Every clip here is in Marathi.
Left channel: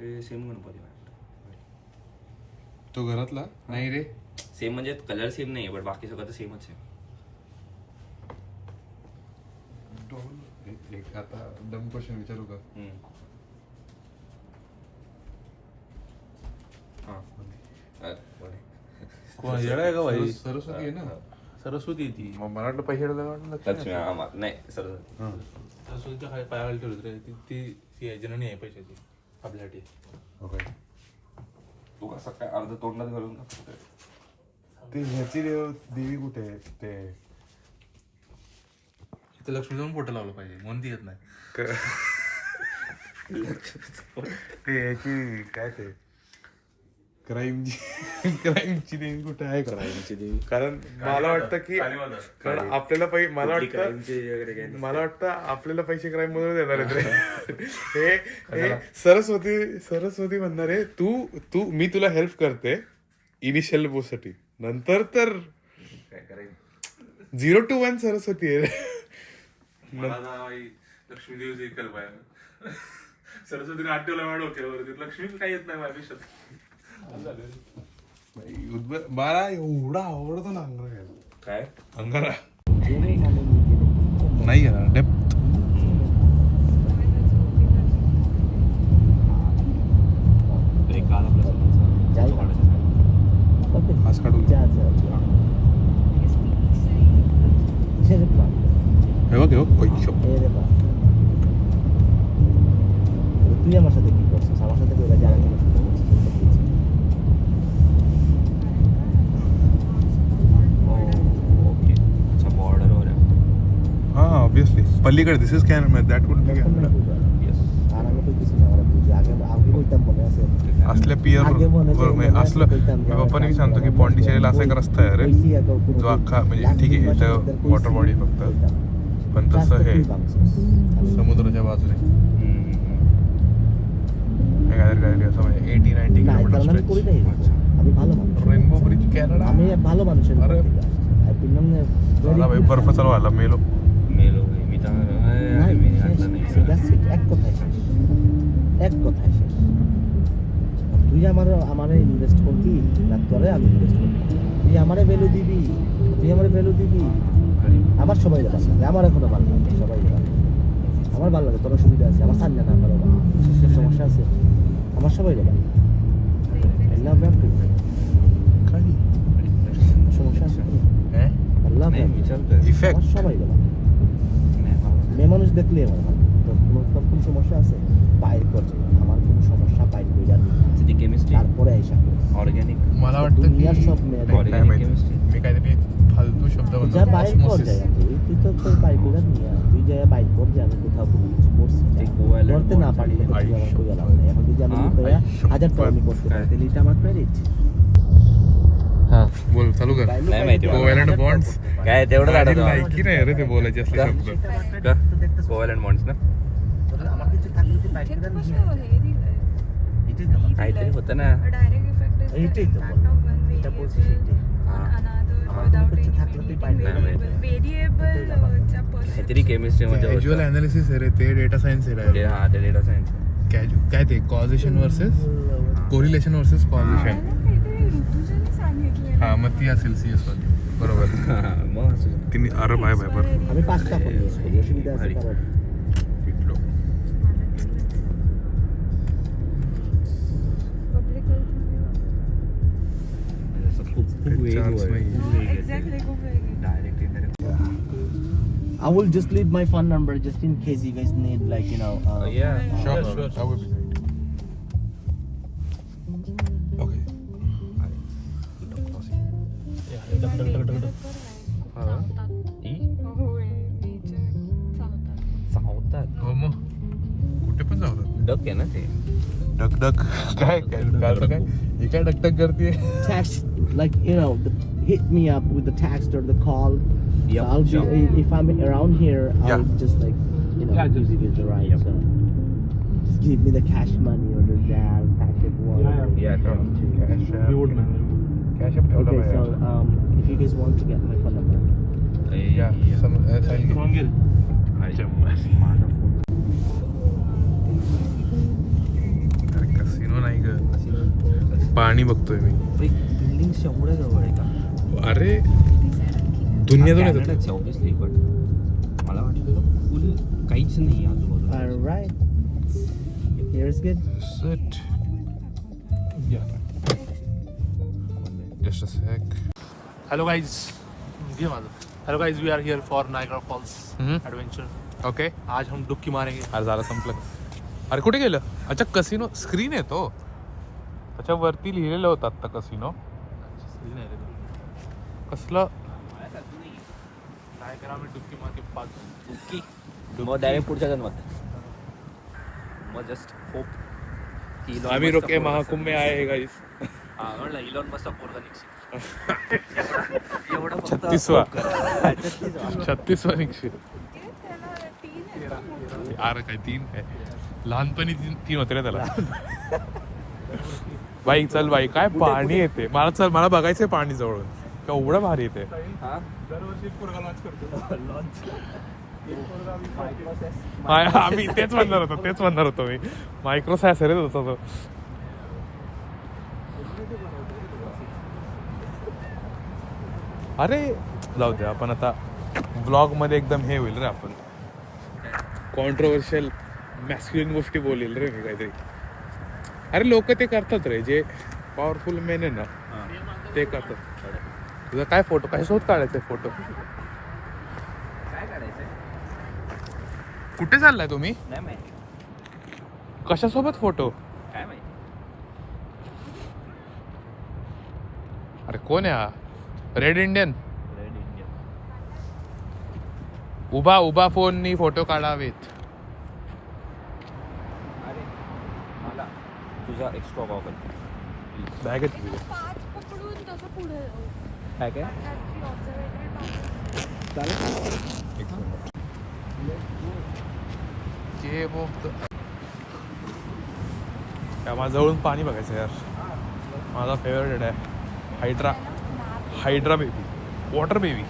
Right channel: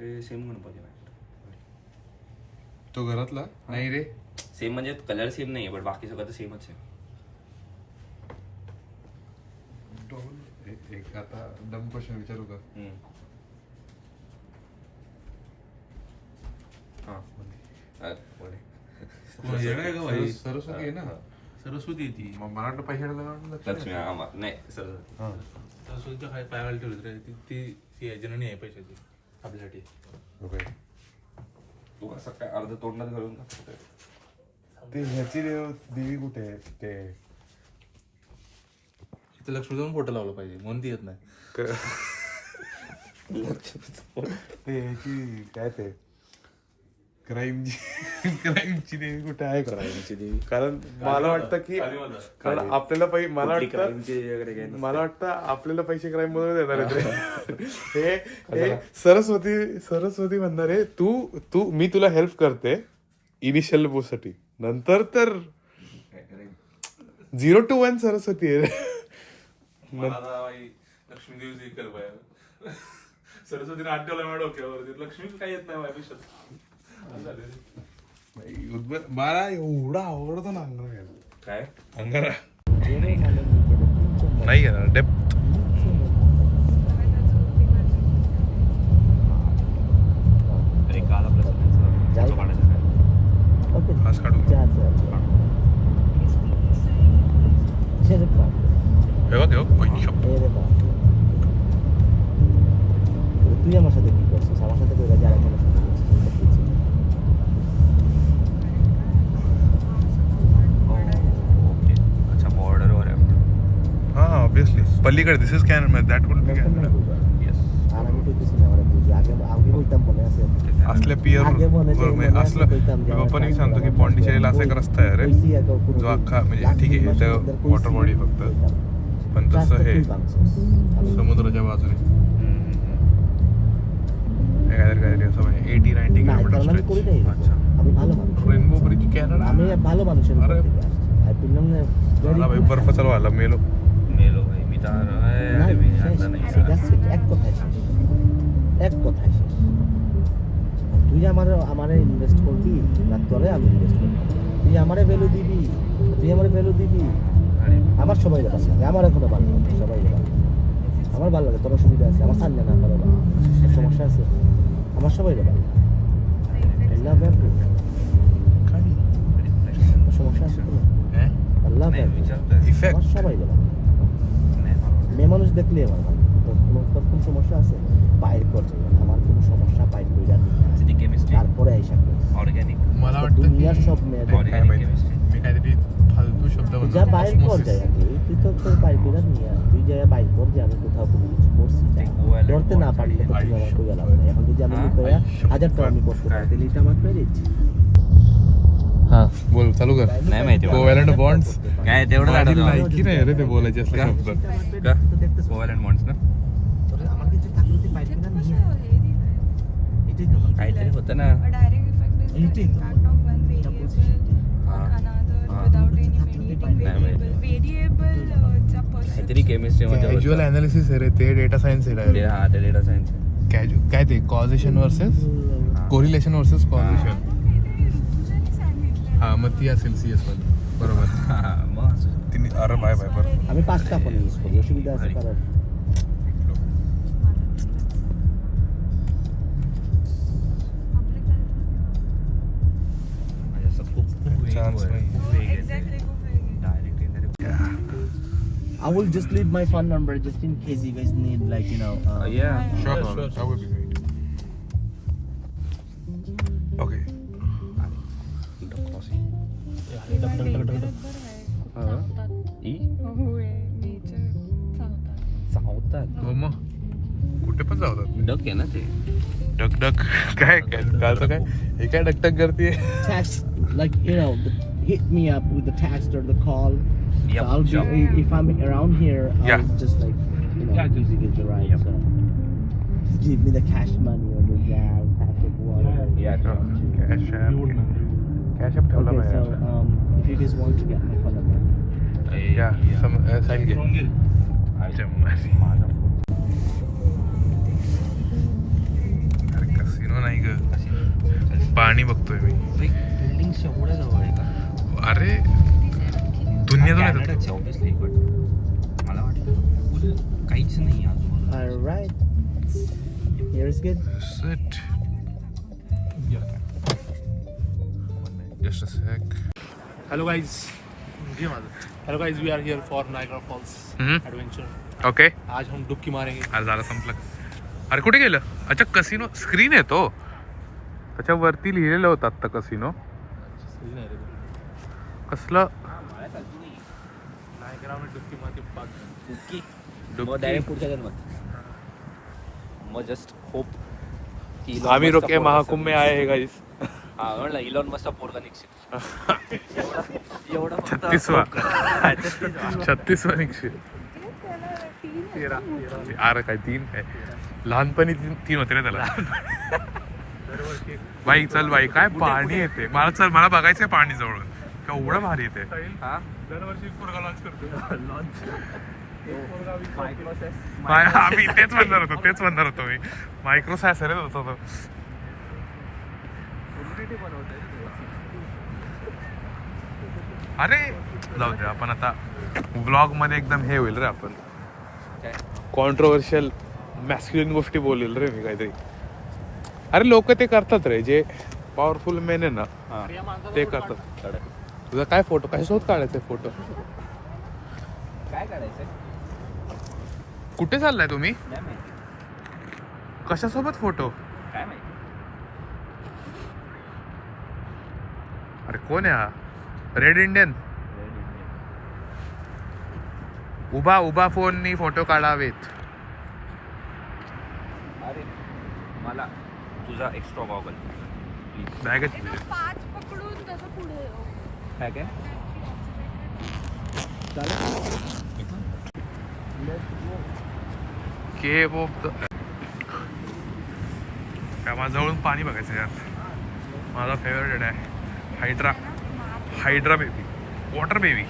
हे सेम गणपती आहे. तो घरातला नाही रे. सेम म्हणजे कलर सेम नाही बट बाकी सगळं तर सेमच आहे. एक आता डम क्वेश्चन विचारू का? येणार का भाई? सरस्वती आहे ना. सरस्वती आहे ती. मग मला वाटलं पैसे लक्ष्मी नाही सरस्वती. सरस्वतीच्या खाली पायाला ठेवली रे. ती जननी आहे पैशाची आपल्यासाठी. तू असं काय अर्ध तोंडात घालून का ते ह्याची देवी कुठे आहे ते? इथं लक्ष्मी जाऊन फोटो लावला पाहिजे म्हणून ती येत नाही. ते ह्याची काय ते क्राईमची देवी कुठे आहे का? कारण मला वाटतं की कारण आपल्याला मला वाटतं आपल्याला पैसे क्राईम मधून देणार आहेत रे. हे सरस्वती म्हणणार आहे तू मी तुला हेल्प करते इनिशियल साठी, नंतर तर 0 to 1 सरस्वती आहे रे. लक्ष्मी देवी कर पाहिजे. सरस्वतीने आठवलं माझ्या डोक्यावर. लक्ष्मीच काही येत नाही माझ्या मला एवढा आवडतो ना अंगारा घ्यायला. काय अंगारा नाही घेणार डेप्थ. आज काढून हे बघ তুই আমার সাথে কি করছিস? আমার সাথে কইরা যারা কেন সাথে করছিস? अच्छा बॉर्डर वगैरे. हा ऑब्विसली पलीकडे this is Canada. That would be Canada. আর আমি কইতেছি না আমার বুঝি আগে বলতাম मने আছে असल्या पियर असलं मी पप्पाने सांगतो की पॉंडिचेरीला असा एक रस्ता आहे रे जो अख्खा म्हणजे ठीक आहे इथं वॉटर बॉडी फक्त, पण तसं हे समुद्राच्या बाजूने काहीतरी असं म्हणजे 80-90 किलोमीटर स्ट्रेच. আমি ভালো মানুষ. Rainbow bridge Canada. আমি ভালো মানুষের अरे আই বললাম না मला भाई बर्फ चालवायला मेलो भाई मी तर এক কথায় শেষ. তুই আমারে ইনভেস্ট করবি না তোরে আমি ইনভেস্ট করবো. তুই আমারে ভ্যালু দিবি আমার সবাই ভালো লাগে. আমার এখনো ভালো লাগে, সবাই ভালো লাগে. আমার ভালো লাগে, তোর সুবিধা আছে. আমার সামনে না আমার সমস্যা আছে. আমার সবাই ভালো লাগে. আল্লাহ ব্যাপী সমস্যা আছে তো আল্লাহ ব্যাপী ইফেক্ট সবাই ভালো লাগে. মেয়ে মানুষ দেখলে আমার ভালো. তোর কোনো সমস্যা আছে বাইর করছে. আমার কোনো সমস্যা বাইর করে যাবে তারপরে আইসা ऑर्गॅनिक. मला वाटतं दुनियार सब मेয়ে काय माहिती मी काहीतरी फालतू शब्द যা বাইর কর যায় তুই তো তোর বাইর করে নিয়ে তুই যা বাইর কর যে আমি কোথাও করছি করতে না পারলে তো তুই আমার কই গেলাম না. এখন যদি আমি লুকায়া 1000 টাকা আমি করতে পারি তাহলে এটা আমার ক্রেডিট. हा बोल चालू कर. नाही माहिती मला. कोव्हॅलंट बॉन्ड्स काय तेवढं माझी काढतो. लायकी नाही रे ते बोलायचे असले शब्द. का कोव्हॅलंट बॉन्ड्स ना আমার কিছু থাকলে তুই বাইর করে নিয়ে এটাই তো काहीतरी होतं ना. A direct effect is the impact of one variable on another without any mediating variable. Variable काहीतरी केमिस्ट्री मध्ये कॅज्युअल अनालिसिस आहे रे ते, डेटा सायन्स आहे. हा ते डेटा सायन्स. काय ते कॉझेशन वर्सेस कोरिलेशन वर्सेस कॉझेशन. हा मग ती असेल CS मध्ये बरोबर. मग तिने अरे बाय बर আমি 5 টাকা ইউজ করি অসুবিধা আছে কারণ public health. चान्स नाही. Exactly. I will just leave my phone number just in case you guys need like Sure. That would be great. Okay. हो मग कुठे पण जाऊ डक आहे ना ते. डक काय कालचं काय हे काय डकटक करते. text like hit me up with the text or the call. Yep, So I'll be if I'm around here I'll Yeah. just like give you guys a ride. So just give me the cash money or the jam, cash app, whatever. Yeah, you want to. Cash up ठेवला Okay, so पाहिजे. if you guys want to get my phone number. या साइन घे. अच्छा पाणी बघतोय मी. बिल्डिंग एवढ्या जवळ आहे का? अरे दुनियातून येतात. कॅनडाच ऑब्विसली, बट मला वाटतं फुल काहीच नाही आजूबाजूला. Alright. Here is good. Sit. Just a sec. Hello guys, hello guys, we are here for Niagara Falls adventure. Okay. आज हम डुबकी मारेंगे. अरे झालं संपलं. अरे कुठे गेलं? अच्छा कसिनो स्क्रीन आहे तो. त्याच्यावरती लिहिलेलं होतं आत्ता कसिनो. कसलं नायग्रा में डुबकी मार के पाक. डुबकी मग डायरेक्ट पुढच्या जन्मात. मग जस्ट होप की आम्ही रोके महाकुंभ में आए हैं गाइस. म्हणलं इलॉन मस्कचा पोरगा निघशील. 36वा निघशील. अरे काय 3 काय लहानपणी 3 होते ना त्याला. बाई चल बाई, काय पाणी येते. मला चल, मला बघायचंय पाणी जवळ. केवढं भारी येते. आम्ही तेच म्हणणार होतो मी. मायक्रोसॅसर होता तो. अरे जाऊ दे, आपण आता ब्लॉग मध्ये एकदम हे होईल रे. आपण कॉन्ट्रोवर्शियल मॅस्क्युलिन गोष्टी बोलेल रे मी काहीतरी. अरे लोक ते करतात रे, जे पॉवरफुल मेन आहे ना ते करतात. तुझा काय फोटो, काय शोध काढायचा फोटो? काय काढायचंय कुठे चाललाय तुम्ही? नाही माहिती. कशासोबत फोटो? काय माहिती. अरे कोण आहे हा? Red Indian. Red Indian. उभा फोननी फोटो काढावेत. अरे मला तुझा एक्स्ट्रा गॉगल बॅग आहे तुझी. पाच पकडून त्याचं पुढे जाऊ. काय काय केव ऑफ द. काय माझ्या जवळून पाणी बघायचं यार. माझा फेवरेट आहे हायड्रा बेबी, वॉटर बेबी.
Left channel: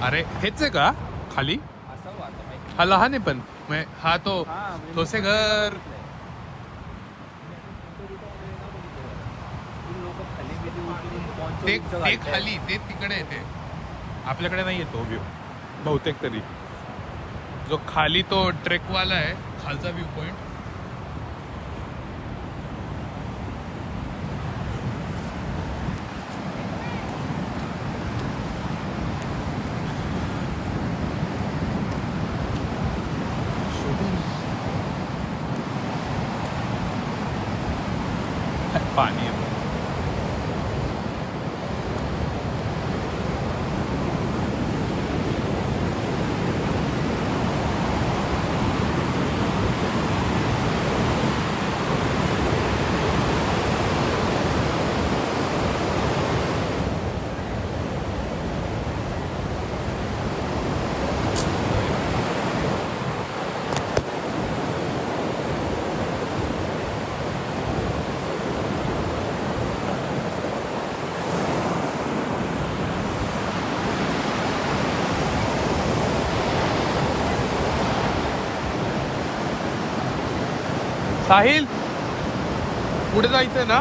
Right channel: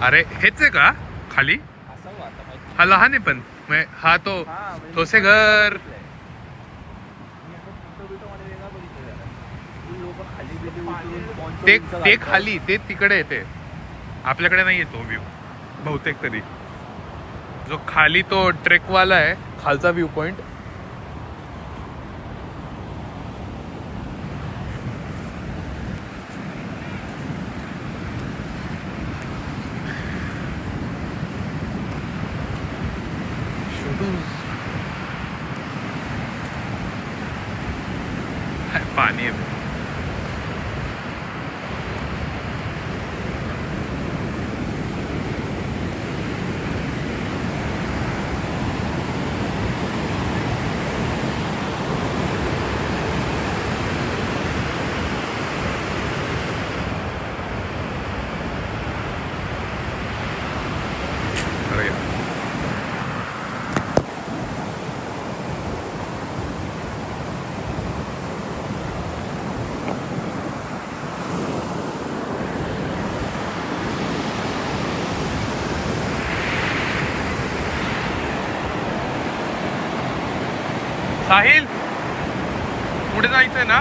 अरे हेच आहे का खाली? असावं आता माहिती. हा लहान आहे पण हा तो तोसे घर. ते खाली, ते तिकडे येते. आपल्याकडे नाही येतो व्ह्यू बहुतेक तरी. जो खाली तो ट्रेकवाला आहे, खालचा व्ह्यू पॉइंट. पाणी आहे. साहिल पुढे जायचंय ना?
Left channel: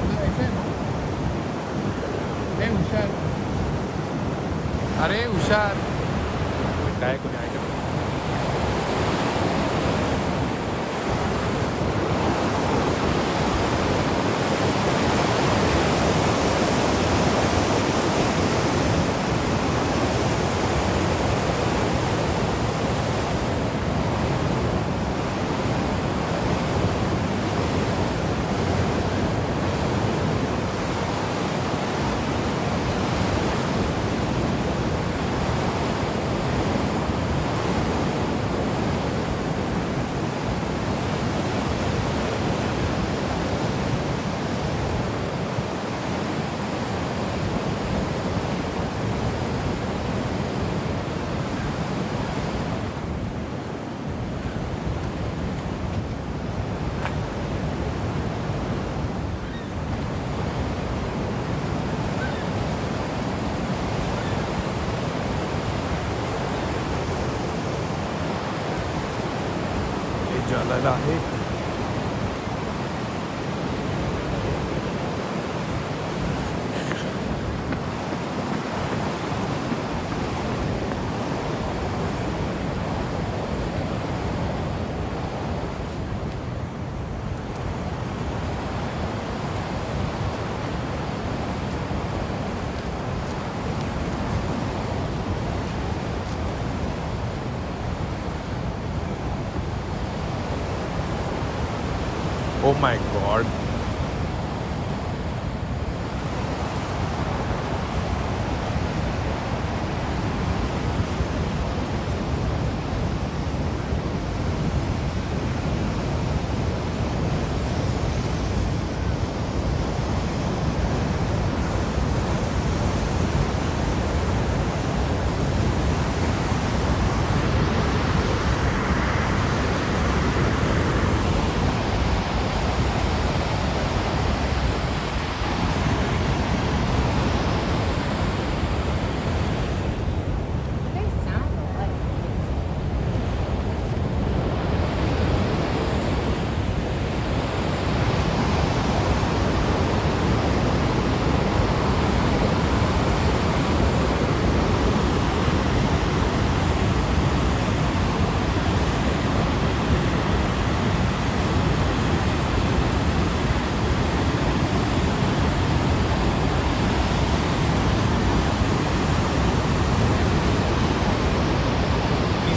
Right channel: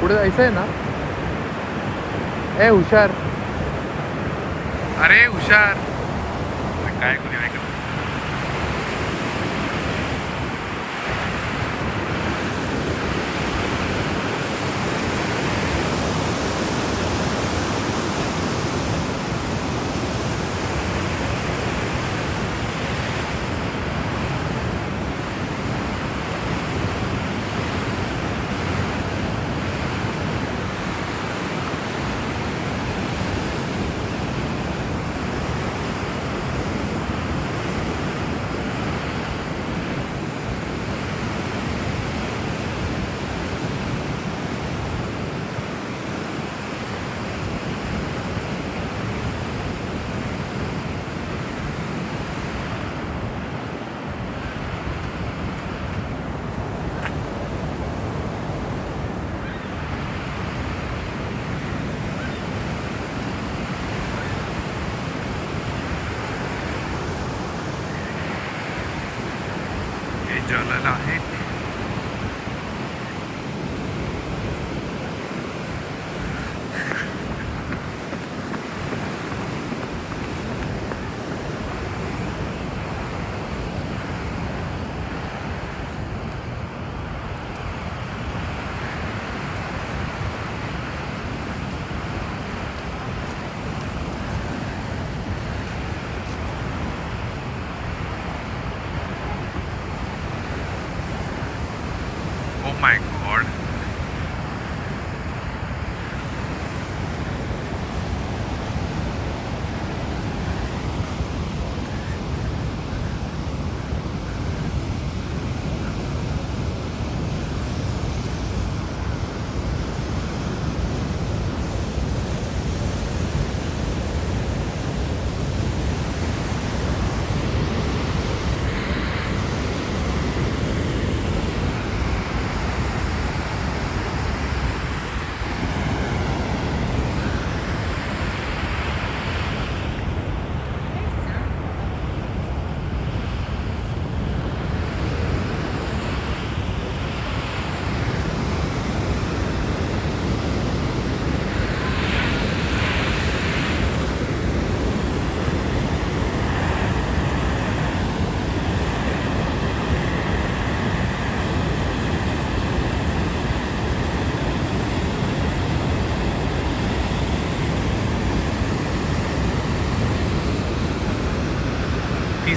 पुढे जायचंय ना? ए हुशार, अरे हुशार. काय कोणी ऐकत. मिळालेला आहे. Oh my god.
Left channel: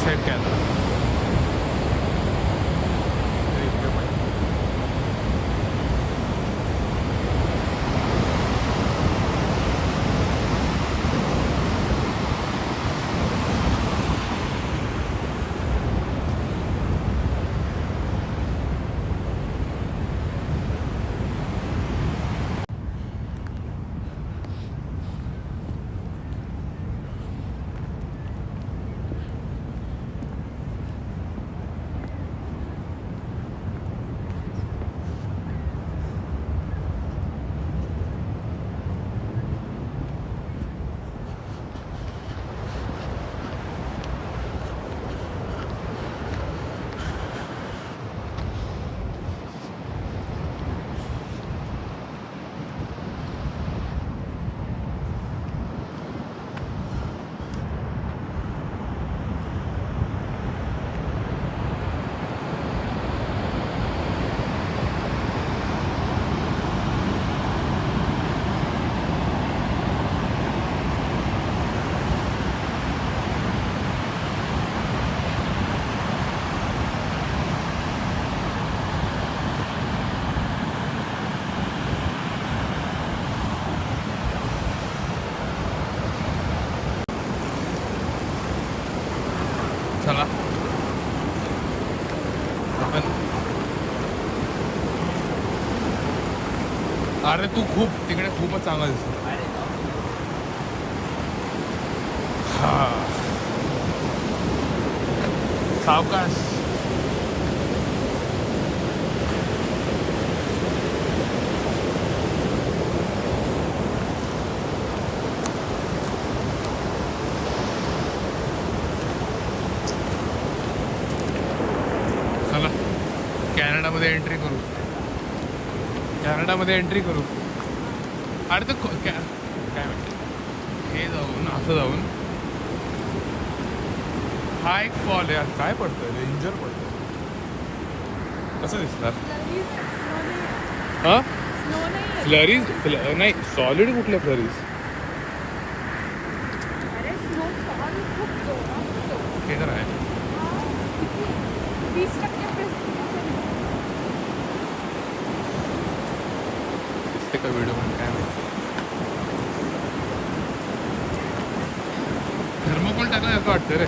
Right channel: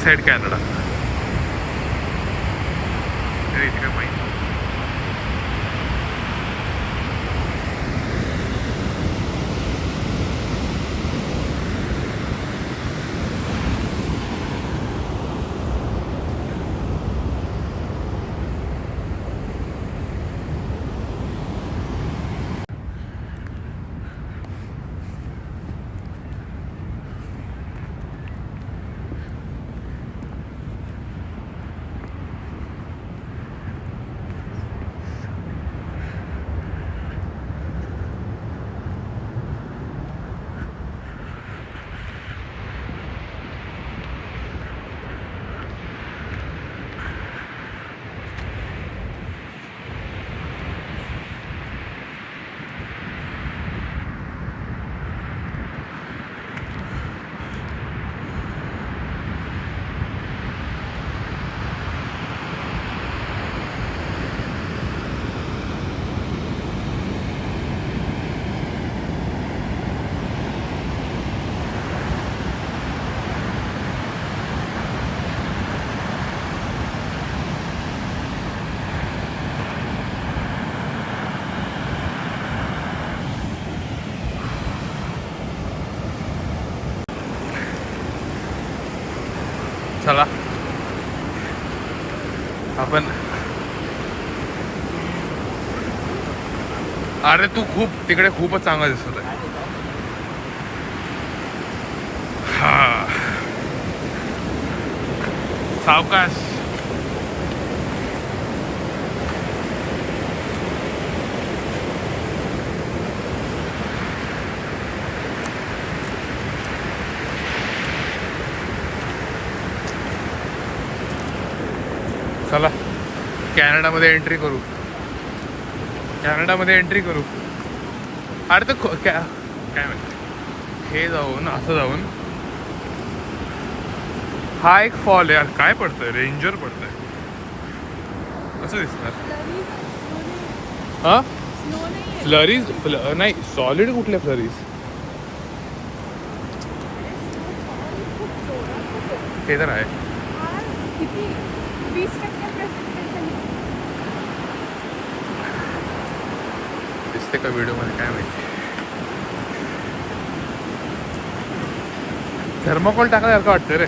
Side Canada इथे माहिती. चला आपण. अरे तू खूप तिकडे खूपच चांगला दिसत आहे. हा सावकाश. चला कॅनडामध्ये एंट्री करू. कॅनडामध्ये एंट्री करू. अरे तर काय म्हणते हे जाऊन असं जाऊन हा एक फॉल आहे. काय पडतंय रेंजर पडतंय. कसं दिसणार. हा फ्लरीज नाही सॉलिड कुठल्या फ्लरीज. हे तर आहे. दिसते का व्हिडिओ मध्ये काय माहिती. थर्मोकॉल टाकल्यासारखं वाटतं रे.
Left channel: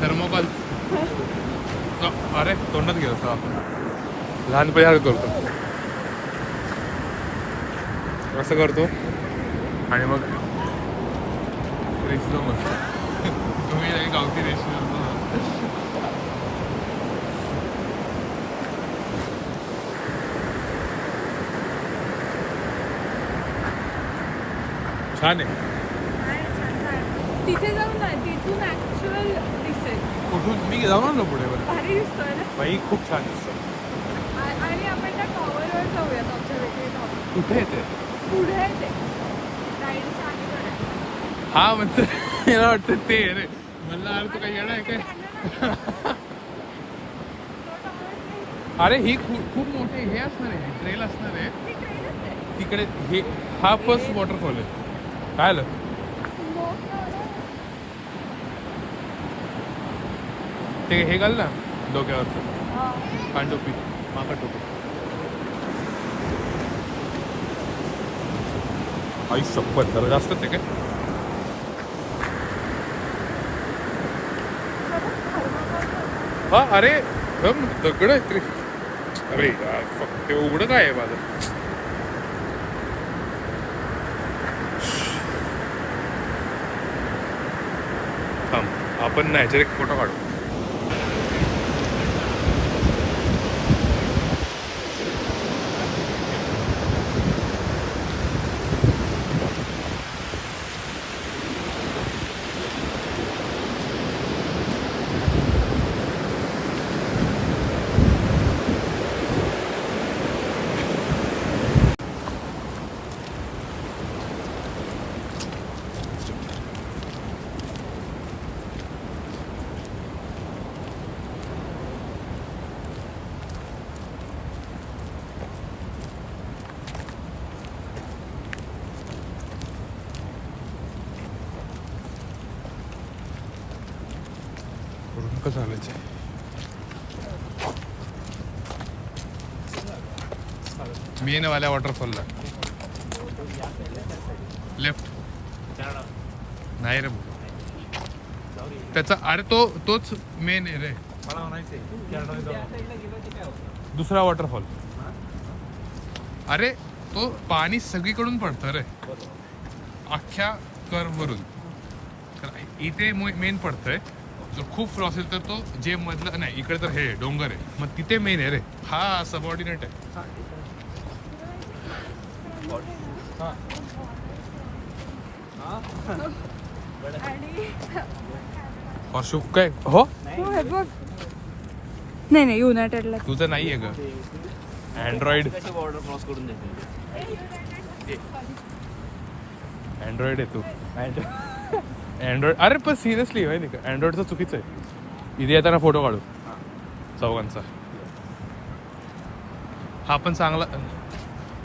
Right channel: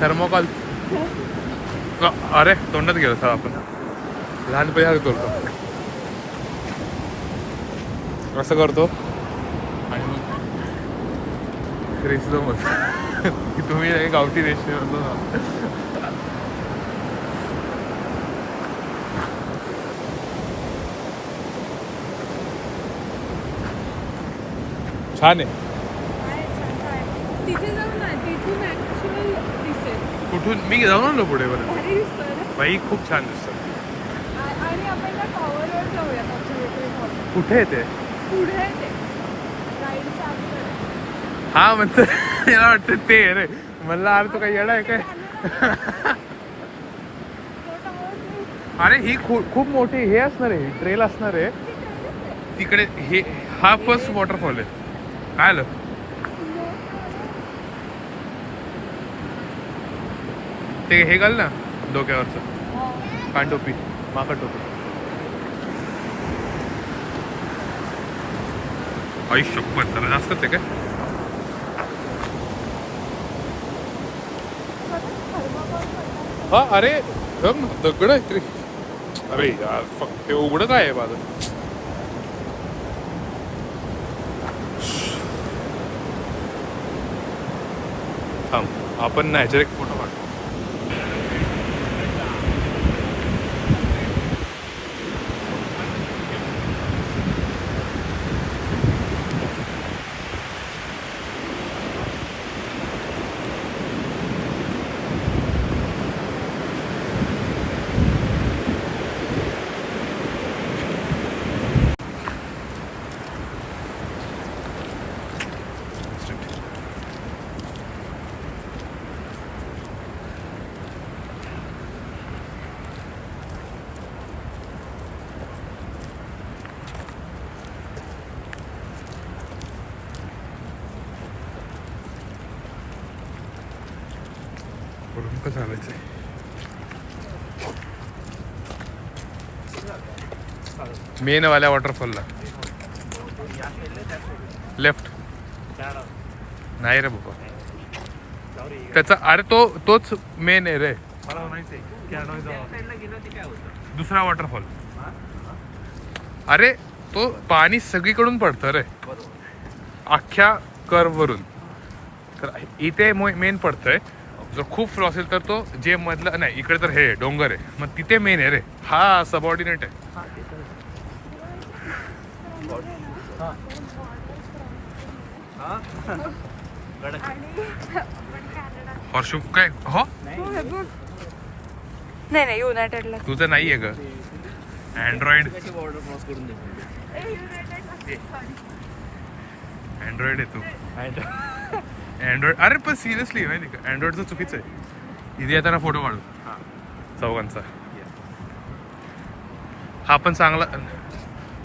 थर्मोकॉल. अरे तोंडात गेलो सर आपण लहानपणी करतो असं करतो आणि मग रेसिलो मग तुम्ही गावठी रेसिलो छान आहे. तिथे जाऊ ना, तिथून ऍक्च्युअल दिसेल. कुठून मी जाऊन आलो पुढे बरं. भारी दिसतोय ना. बाई खूप छान दिसतं. आणि आपण त्या टॉवरवर जाऊया ऑब्झर्वेटरी टॉवर. कुठे आहे ते? पुढे आहे ते राईडच्या आधी. हा म्हणतो मला वाटतं ते आहे रे. म्हणलं अरे तू काही येणार आहे काय? अरे ही खूप मोठी हे असणार आहे, ट्रेल असणार आहे तिकडे. हे हा फर्स्ट वॉटरफॉल आहे. काय आलं ते हे घाल ना डोक्यावरचं कानटोपी, माका टोपी. आई शपथ जरा जास्तच आहे काय? हा अरे दगड आहे तरी. अरे यार फक्त ते उघडं काय आहे माझं. थांब आपण ना ह्याच्यावर एक फोटो काढू. वरून कसं आलायचं आहे. मेन वाल्या वॉटरफॉलला लेफ्ट नाही रे बाबा. त्याचा अरे तोच मेन आहे रे. दुसरा वॉटरफॉल. अरे तो पाणी सगळीकडून पडतं रे अख्ख्या कर्व वरून. तर इथे मेन पडतंय. जर खूप फ्लो असेल तर तो जे मधलं नाही इकडे तर हे डोंगर आहे मग तिथे मेन आहे रे. हा सबऑर्डिनेट आहे. हॉर्शू काय हो नाही युनायटेडला. तुझं नाही आहे ग अँड्रॉइड. अँड्रॉइड आहे तू. अँड्रॉइड अरे पण सिरियसली माहिती का अँड्रॉइडचं चुकीचं आहे. इथे येताना फोटो काढू चौघांचा. हा पण चांगला.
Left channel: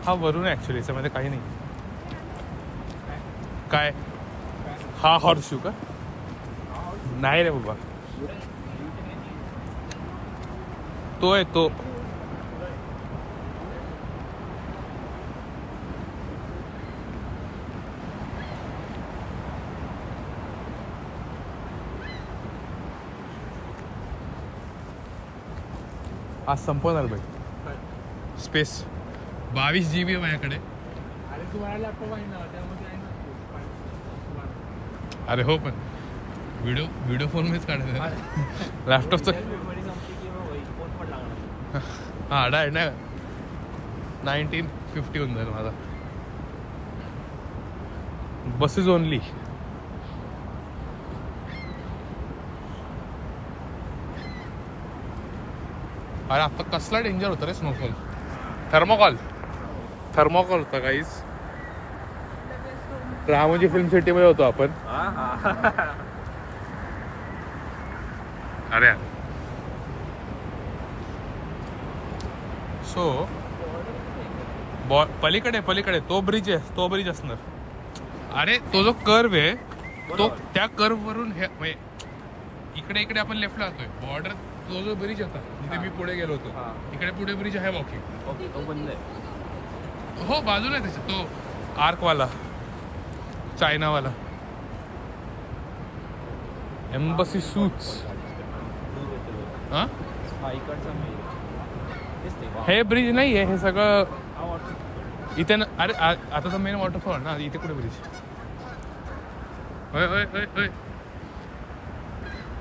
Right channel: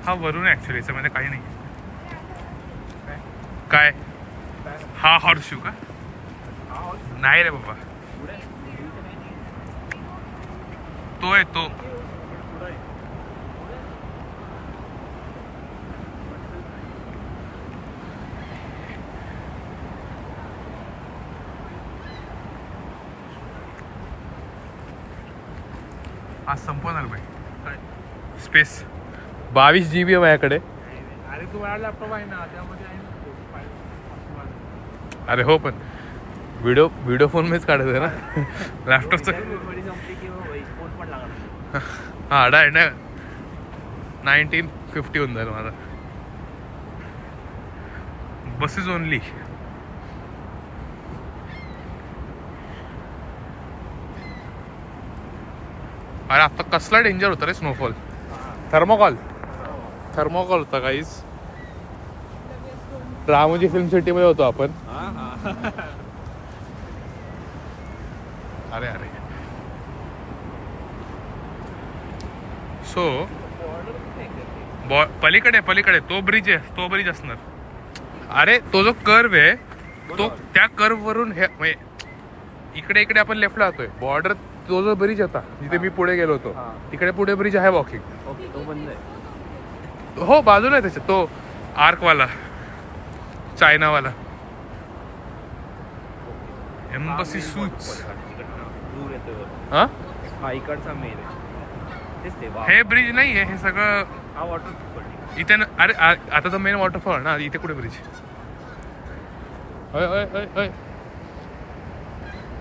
हा वरून आहे ऍक्च्युली याच्यामध्ये काही नाही. काय हा हॉर्शू का? नाही रे बाबा तो आहे तो. आज संपवणार भाई स्पेस. 22 GB आहे माझ्याकडे. अरे हो पण व्हिडिओ फोन मध्येच काढायचं ना लॅपटॉपचं. हा डाय ना 1950 होऊन जाईल माझा. Buses only. अरे आता कसला डेंजर होता रे स्नोफॉल. थर्मोकॉल होता काहीच. रामोजी फिल्म सिटी मध्ये होतो आपण. अरे सो पलीकडे तो ब्रिज असणार. अरे तो जो कर्व आहे तो त्या कर्व वरून हे इकडे आपण लेफ्टला जातोय. बॉर्डर तो जो ब्रिज होता जिथे मी पुढे गेलो होतो तिकडे पुढे ब्रिज आहे वॉकिंग. हो बाजूला आहे त्याच्यात तो आर्कवाला चायनावाला. Embassy suits. हा हे ब्रिज नाही आहे हे सगळं इथे ना. अरे आता तर मेन वॉटरफॉल ना इथे कुठे ब्रिज.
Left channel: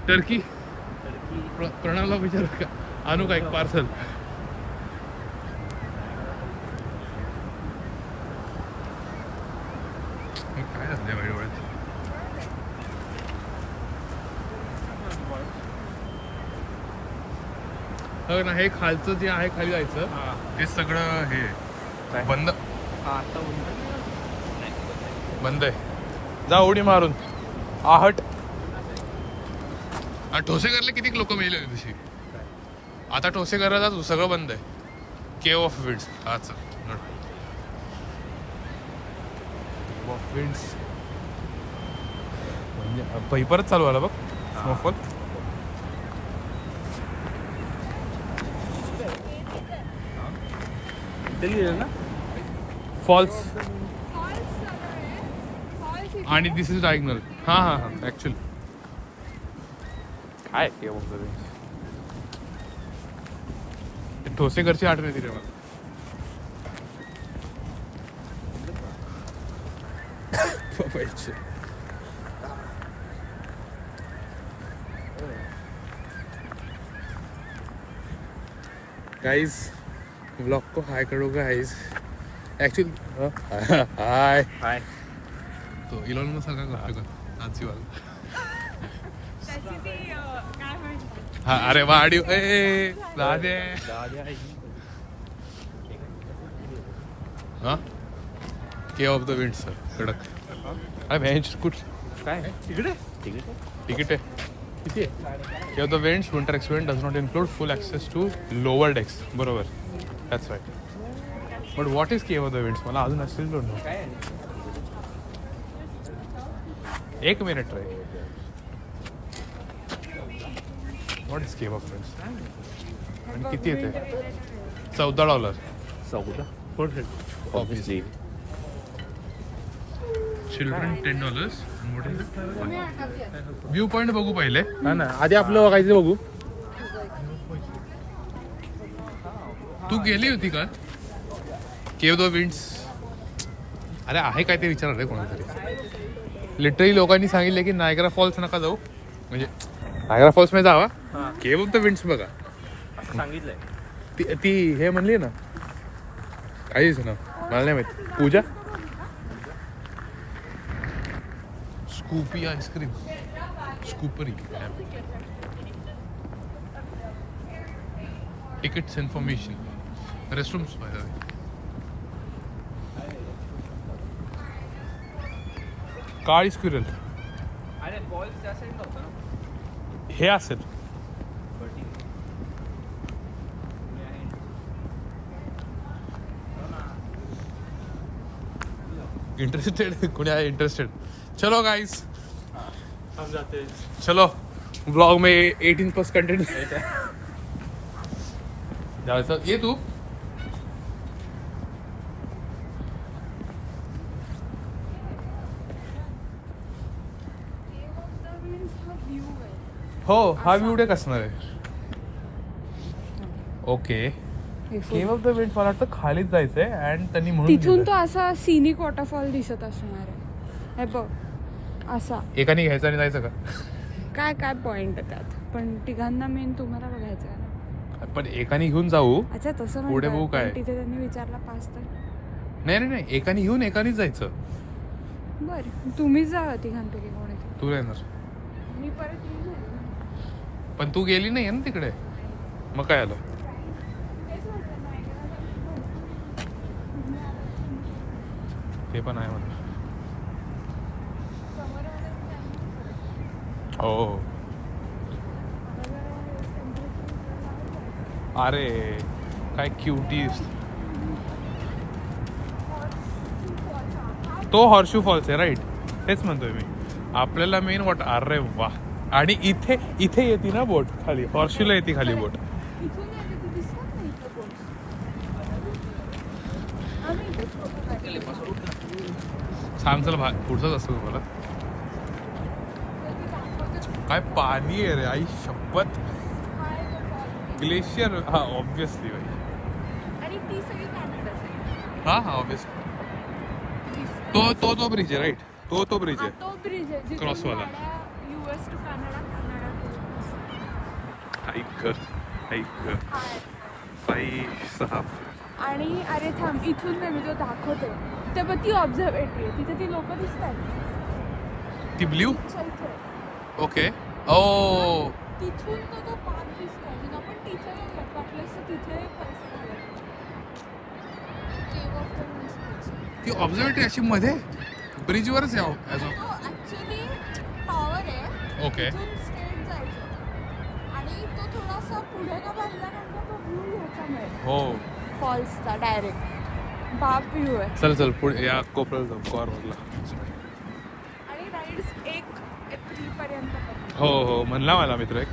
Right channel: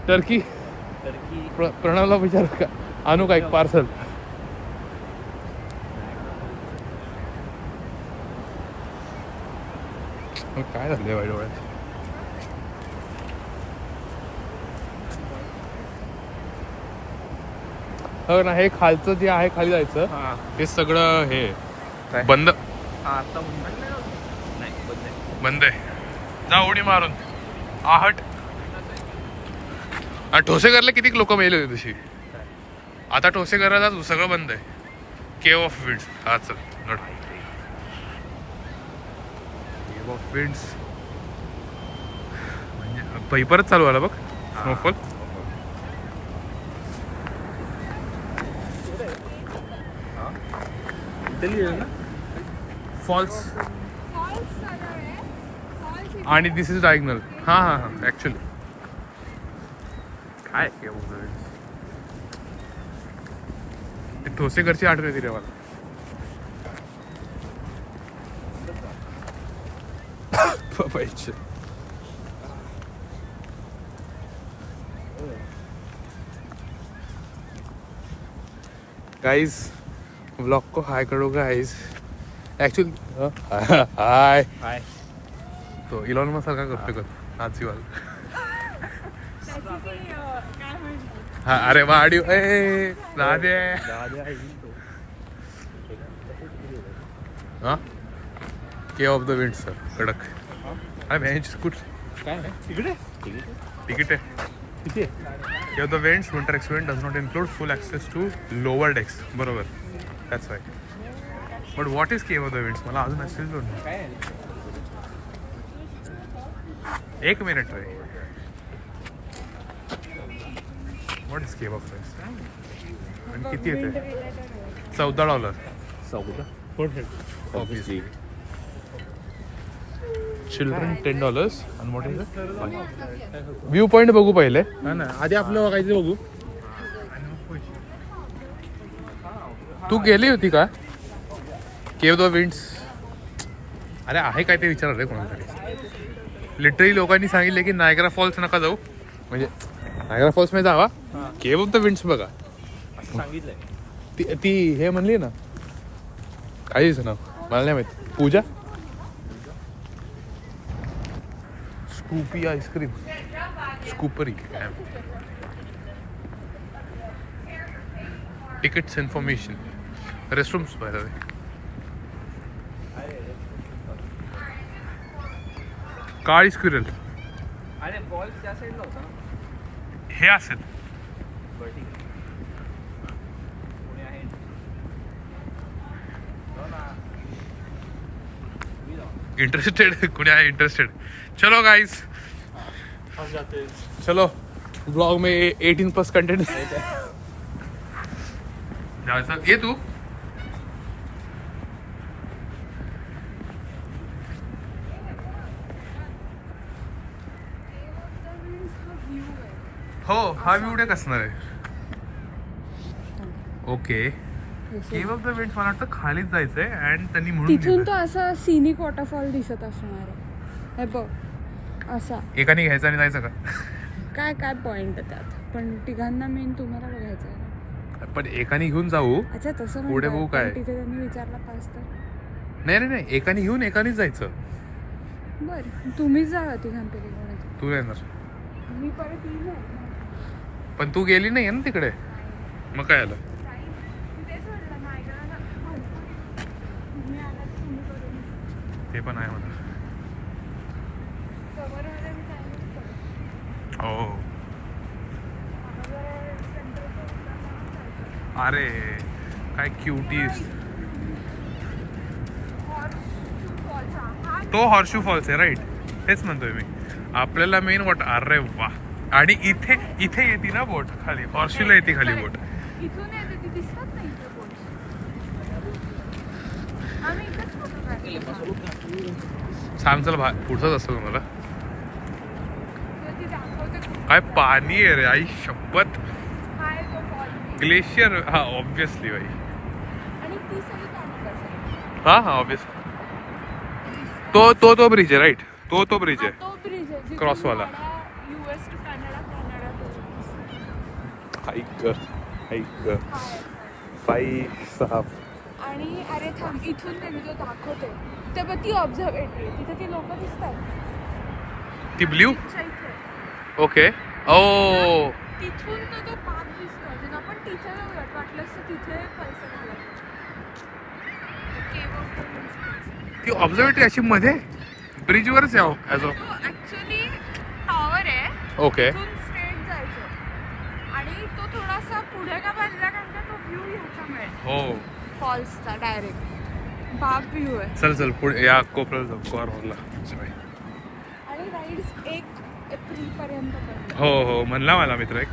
टर्की प्रणवला विचार का आणू का एक पार्सल. काय झालं वाईट डोळ्यात. हो ना, हे खालचं जे आहे खाली जायचं ते सगळं हे बंद बंद आहे. जा उडी मारून आहट. ठोसेघरला किती लोक मेले होते तशी. आता ठोसेघरला सगळं बंद आहे. केव ऑफ विंड्स. हा चल नड. केव ऑफ विंड्स म्हणजे परत चालू आला बघ स्नोफॉल. फॉल्स आणि दिस इज डायगनल. हा हा हा ऍक्च्युली काय ठोसेघरची आठवण येते रे मला. गाइस व्लॉग को हाय करो गाइस. एक्चुअली हाय हाय. तो इलॉन मस्क सारखा करतोय का नाचीवाल. हा अरे वाडी ए दादे. हा के ऑफ द विंड सर कडक. अरे बेंच कुठ काय तिकडे तिकीट आहे किती आहे. Cave of the winds winter experience does not include full access to lower decks. बरोबर that's right. But what is cave of the winds मला अजून असेल डोंट नो. एक मिनिट रे. What is cave of winds आणि किती येते. $14. 14 ऑब्विसली. चिल्ड्रन $10 आणि what is it. View point बघू पहिले. हा ना आधी आपलं बघायचं बघू. तू गेली होती का केव द विंड्स. अरे आहे काय ते विचार रे कोणातरी. लिटरली लोकांनी सांगितले की नायग्रा फॉल्स नका जाऊ. म्हणजे नायग्रा फॉल्स मध्ये जावा. केव ऑफ द विंड्स बघा सांगितलंय. ती हे म्हणली ना काय तिचं नाव मला नाही माहिती. Pooja Scoopy ice cream Scoopery. Tickets information restrooms by the way. काळी स्क्विरल हे असेल. इंटरेस्टेड कोणी आहे इंटरेस्टेड. चलो गाइस चलो ब्लॉग में 18+ कंटेंट जायचं. ये तू हो हा व्ह्यू डेक असणार आहे. ओके केव ऑफ द विंड्स मला वाटतं खालीच जायचंय अँड त्यांनी म्हणून तिथून दिलंय. तो असा सिनिक वॉटरफॉल दिसत असणार आहे. हे बघ असा. एकाने घ्यायचं आणि जायचं का. काय काय पॉइंट त्यात. पण तिघांना मेन तुम्हाला बघायचं आहे ना. पण एकाने घेऊन जाऊ. अच्छा तसं पुढे म्हणताय. बघू काय. पण तिथे त्यांनी विचारला पास तर. नाही नाही नाही एकाने घेऊन एकानेच जायचं. बर तुम्हीच जावा तिघांपैकी कोणी. तू नाही येणार मी परत येईन ना. पण तू गेली नाही ना तिकडे. मग काय आलं. तेच म्हटलं, नायगराला भरपूर तुम्ही आलात तुम्ही करून. ते पण आहे म्हणा. हो अरे काय क्युटीज. तो हॉर्शू फॉल्स आहे राईट. तेच म्हणतोय मी. आपल्याला मेन वॉट. अरे वा. आणि इथे इथे येते ना बोट खाली. हॉर्शूला येते खाली बोट. इथून येते ती दिसत नाही इथं कोण. आम्ही इथेच फोटो काढतो. सांग चल पुढचंच असतं मला. काय पाणी आहे रे आई शपथ. ग्लेशियर. हा ऑब्विसली भाई. आणि ती सगळी काढतात. हा हा ऑब्विसली. तो ब्रिज आहे राईट. तो ब्रिज आहे. तो ब्रिज आहे जिथून Cross वाला. US to Canada. ऐक 5-6. आणि अरे थांब इथून नाही मी तो दाखवते. ते बघ ती ऑब्झर्वेटरी आहे. तिथे ती लोक दिसतात. ती ब्ल्यू. इथे. ओके ओ तिथून तर तो पार्क दिसतो अजून. आपण तिथे जाऊयात, वाटलं असतं तिथे पैसे घालायचे. Cave of the winds. ती ऑब्झर्वेटरी अशी मध्ये ब्रिजवरच यावं ॲज ऑफ. तो ऍक्च्युली टॉवर आहे. ओके. तिथून स्ट्रेट जायचं आणि तो थोडासा पुढे का बांधला कारण का तो व्ह्यू घ्यायचा मिळेल हो फॉल्सचा डायरेक्ट. बाप व्ह्यू आहे. चल चल पुढे या कोपऱ्याला जाऊ कॉर्नरला. आणि राईड्स 1 एप्रिल पर्यंत. हो हो म्हणला मला मित्र एक.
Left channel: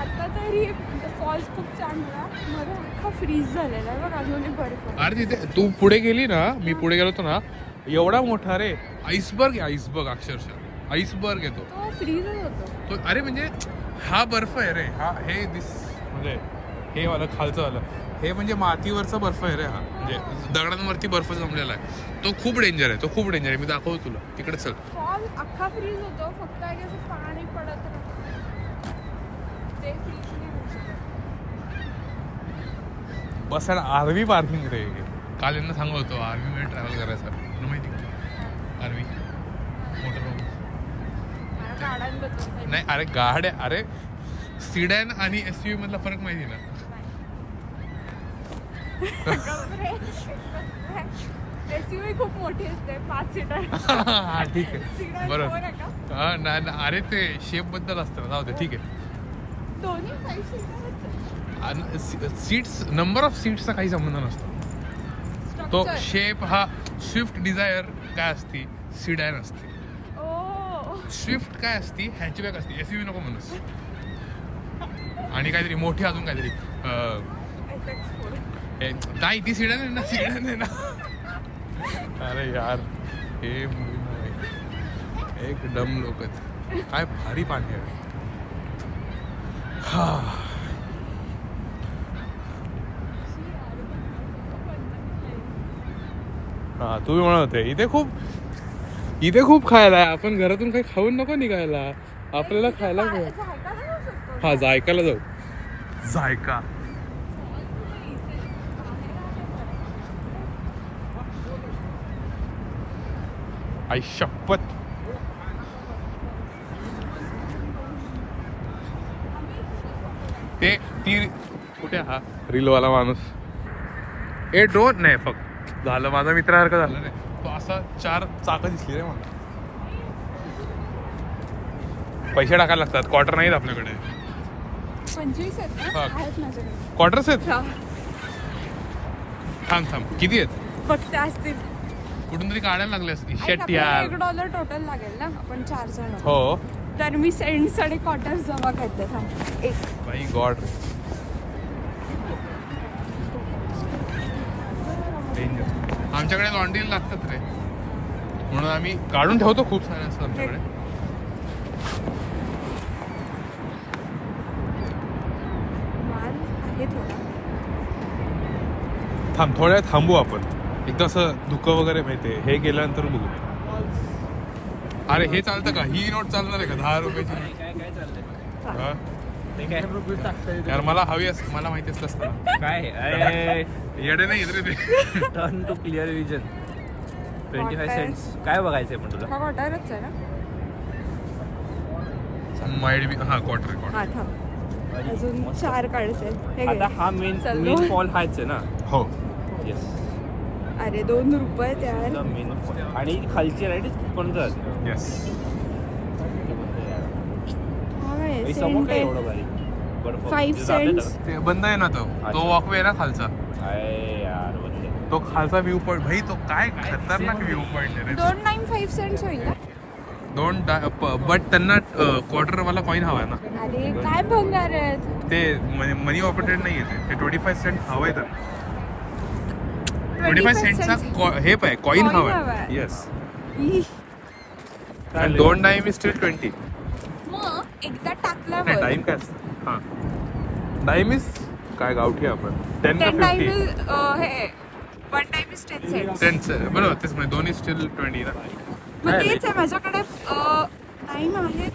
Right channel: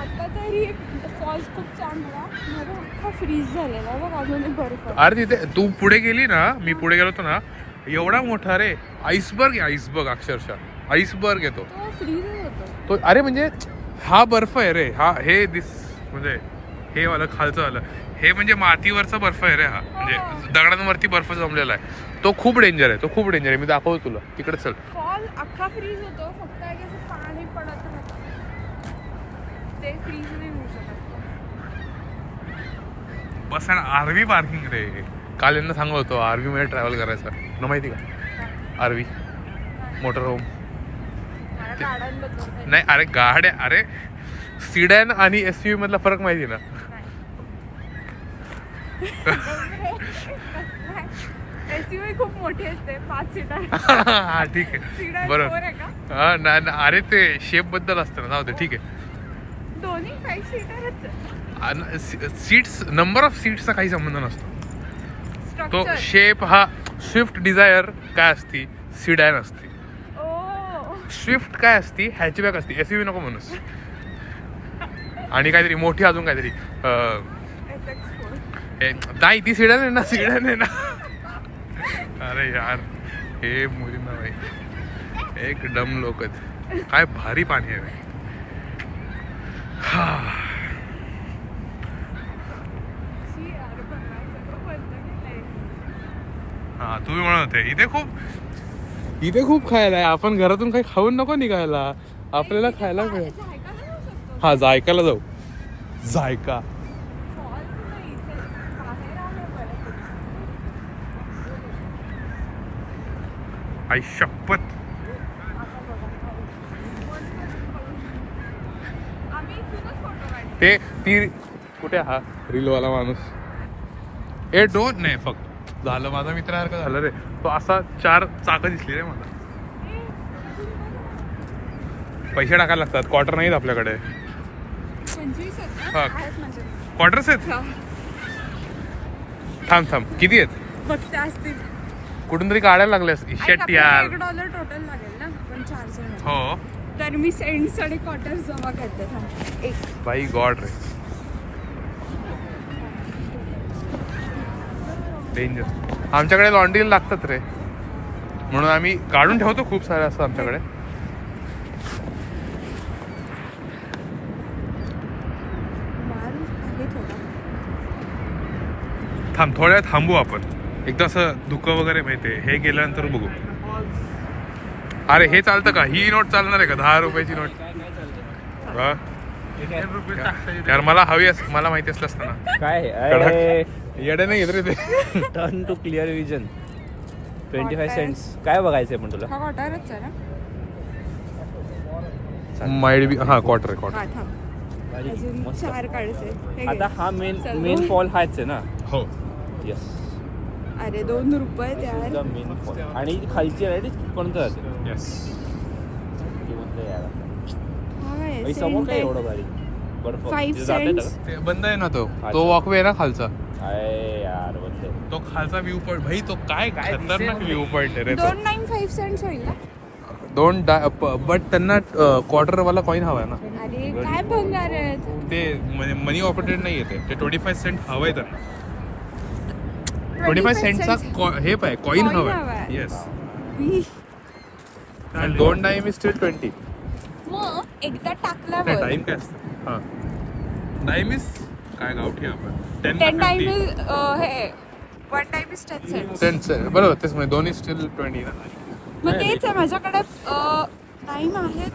आता तरी फॉल्स खूप चांगला मध्ये अख्खा फ्रीज झालेला आहे बघ अजून बर्फ. अरे तिथे तू पुढे गेली ना, मी पुढे गेलो होतो ना, एवढा मोठा रे आईसबर्ग आहे. आईसबर्ग अक्षरशः आईसबर्ग येतो तो फ्रीजच होतो. तो. अरे म्हणजे हा बर्फ आहे रे हा. हे म्हणजे हे वालं खालचं आलं हे म्हणजे मातीवरचा बर्फ आहे रे हा. म्हणजे दगडांवरती बर्फ जमलेला आहे. तो खूप डेंजर आहे. तो खूप डेंजर आहे. मी दाखवतो तुला तिकडे. चल फॉल अख्खा फ्रीज होतो फक्त आहे की असं पाणी पडत ते फ्रीज नाही होऊ शकत. बस आणि आरवी पार्किंग रे. काल यांना सांगत होतो आरवी मध्ये ट्रॅव्हल करायचं. तुला माहिती का आरवी मोटर होम. नाही अरे गाड्या. अरे सिडॅन आणि SUV मधला फरक माहिती ना. SUV खूप मोठी असते 5 सीटर. हा ठीक आहे बरोबर. हा नाही अरे ते शेप बद्दल असतं ना. जाऊ दे ठीक आहे. दोन्ही 5 सीटर सीट्स नंबर ऑफ सीट्सचा काही संबंध नसतो. तो शेप हा स्विफ्ट डिझायर काय असती सिडॅन असते. स्विफ्ट काय असती हॅचबॅक असती. SUV नको म्हणूस. आणि काहीतरी मोठी अजून काहीतरी नाही ती सिडॅन आहे ना. सिडॅन आहे ना. अरे यार हे मुलींना भाई एक डम लोक आहेत. काय भारी पाणी आहे. हा हा तुम्ही म्हणत होते इथे खूप खायला आहे. आपण घरातून काही खाऊन नको निघायला. आपल्याला खायला मिळेल. हा जायकाला जाऊ. जायका आई शपथ. ते ती कुठे हा रीलवाला माणूस. ए डोंट नाही फक्त झालं माझा मित्रासारखं झालं रे. तो असा 4 चाकं दिसली रे मला. पैसे टाकायला लागतात. क्वार्टर नाहीत आपल्याकडे. 25 हा. आहेत माझ्याकडे. क्वार्टर्स आहेत. थांब किती आहेत. फक्त असतील. कुठून तरी काढायला लागल्यास. इशट यार. $1 टोटल लागेल ना आपण 4 जण. हो तर मी सेंट्स आणि क्वार्टर्स जमा करते. थांब एक बाई गॉड रे. डेंजर. आमच्याकडे लॉन्ड्रीला लागतात रे म्हणून आम्ही काढून ठेवतो. खूप सारे असतं आमच्याकडे. माल आहे थोडा. थांब थोड्या वेळ थांबू आपण. एकदा असं धुकं वगैरे माहितीये हे गेल्यानंतर बघू. अरे हे चालतं का. ही नोट चालणार आहे का 10 रुपयाची नोट. काय काय चाललंय हा? यार मला हवी मला माहिती असलं असतं ना. काय येडे नाही येत रे ते. Turn to clear vision 25 cents. काय बघायचंय पण तुला. हा क्वार्टरच आहे ना. Maybe. हा क्वार्टर आहे हा थांब अजून 4 काढायचे. हे घे. आता हा मेन चल, फॉल हाच आहे ना. हो येस अरे 2 रुपये त्यार. Main fall. आणि खालची राईड पण जाते. येस. हा काय समोर सेंट काय आहे. एवढं भारी बर्फ 5 सेंट्स. ते बंद आहे ना तो अच्छा. वॉकवे आहे ना खालचा. अरे यार बंद. तो खालचा व्ह्यू पॉइंट भाई तो काय खतरनाक व्ह्यू पॉइंट आहे रे. 295 सेंट्स होईल ना. बट त्यांना क्वार्टर वाला कॉइन हवा आहे ना. अरे काय भंगार आहेत. ते मनी ऑपरेटेड नाही येते. ते 25 सेंट हवंय त्यांना. 25 सेंटचा हे पाय कॉइन Coin हवाय. हवाय. येस. ई. आणि 2 टाइम इज स्टील 20. मग एकदा नाही टाकल्यावर टाइम काय असतं. हा टाइम इज काय गावठी आपण 10 10 का टाइम 50. हे 1 टाइम इज 10 सेंट्स. 10 बरोबर तेच म्हणजे दोन्ही स्टील 20 ना. मग तेच आहे माझ्याकडे टाइम आहे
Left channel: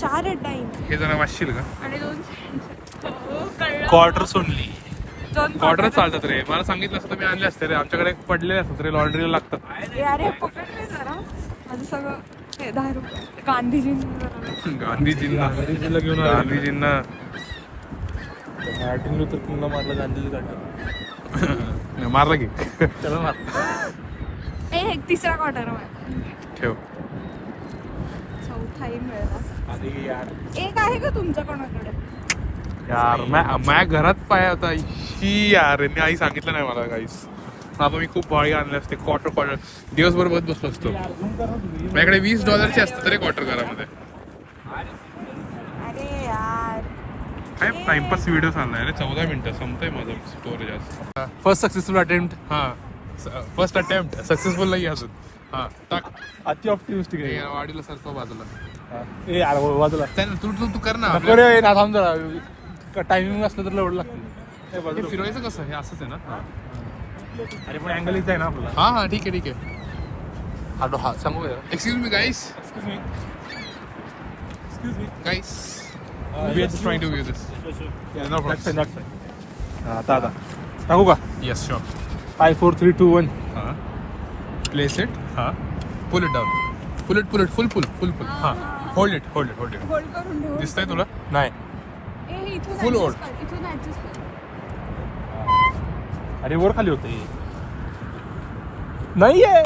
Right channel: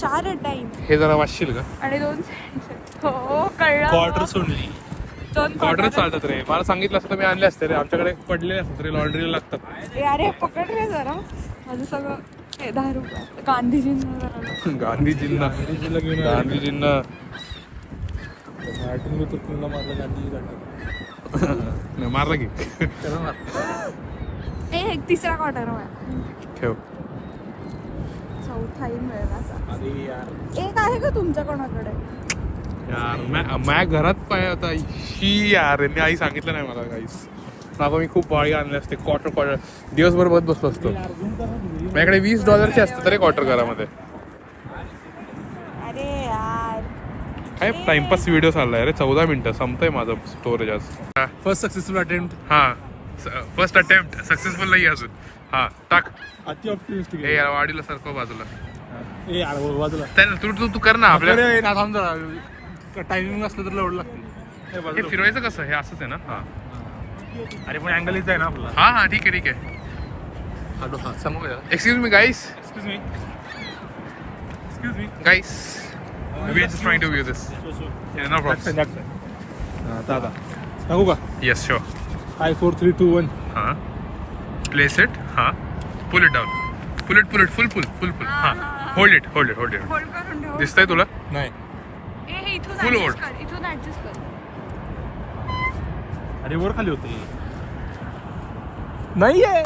4 टाइम हे जरा वाचशील का. आणि 2 सेंट्स. हो कळलं. क्वार्टर सोडली. क्वार्टर चालतात रे. मला सांगितलं असतं तर मी आणले असते रे. आमच्याकडे पडलेले असतात रे, लॉन्ड्रीला लागतात. अरे पकड रे जरा माझं सगळं हे 10 रुपये गांधीजींनी गांधीजींना घेऊन गांधीजींना मार्टिन लुथर किंगला मारला गांधीजी काढला. मारला की. त्याला मार. ए तिसरा क्वार्टर आहे ठेव. चौथाही मिळेल असा अरे यार एक आहे का तुमच्या कोणाकडे यार माझ्या घरात पाय होता ही यार, यांनी आई सांगितलं नाही मला काहीच. आता मी खूप भारी आणले असते क्वार्टर दिवसभर बघत बसलो असतो. माझ्याकडे $20 असतं तरी क्वार्टर घरामध्ये. अरे यार काय टाइमपास व्हिडिओ चाललाय रे. 14 मिनिटं संपतंय माझं स्टोरेज आज. First successful attempt. हा फर्स्ट अटेम्प्ट सक्सेसफुल नाही अजून. हा टाक. अति ऑप्टिमिस्टिक हे यार वाडीला सारखं बाजूला. ए यार बाजूला तू कर ना आपल्या. टायमिंग असलं तर एवढं लागतं. हे फिरवायचं कसं? हे असंच आहे ना. हा अरे पण अँगल इथे आहे ना आपला. हा हा ठीक आहे ठीक आहे. आपला हात सांगू का? Excuse me guys. Excuse me. Guys we are just trying to view this. Yeah, no problem. आता टाकू का? Yes, sure. 5 4 3 2 1. हाँ. Place it. हाँ. Pull it down. Pull it. हाँ. Hold it. होल्ड करून ठेव दिसतंय तुला? नाही. ए हे इथून Full adjust hold. कर, इथून ऍडजस्ट कर आणि वर खाली होते. नाहीये.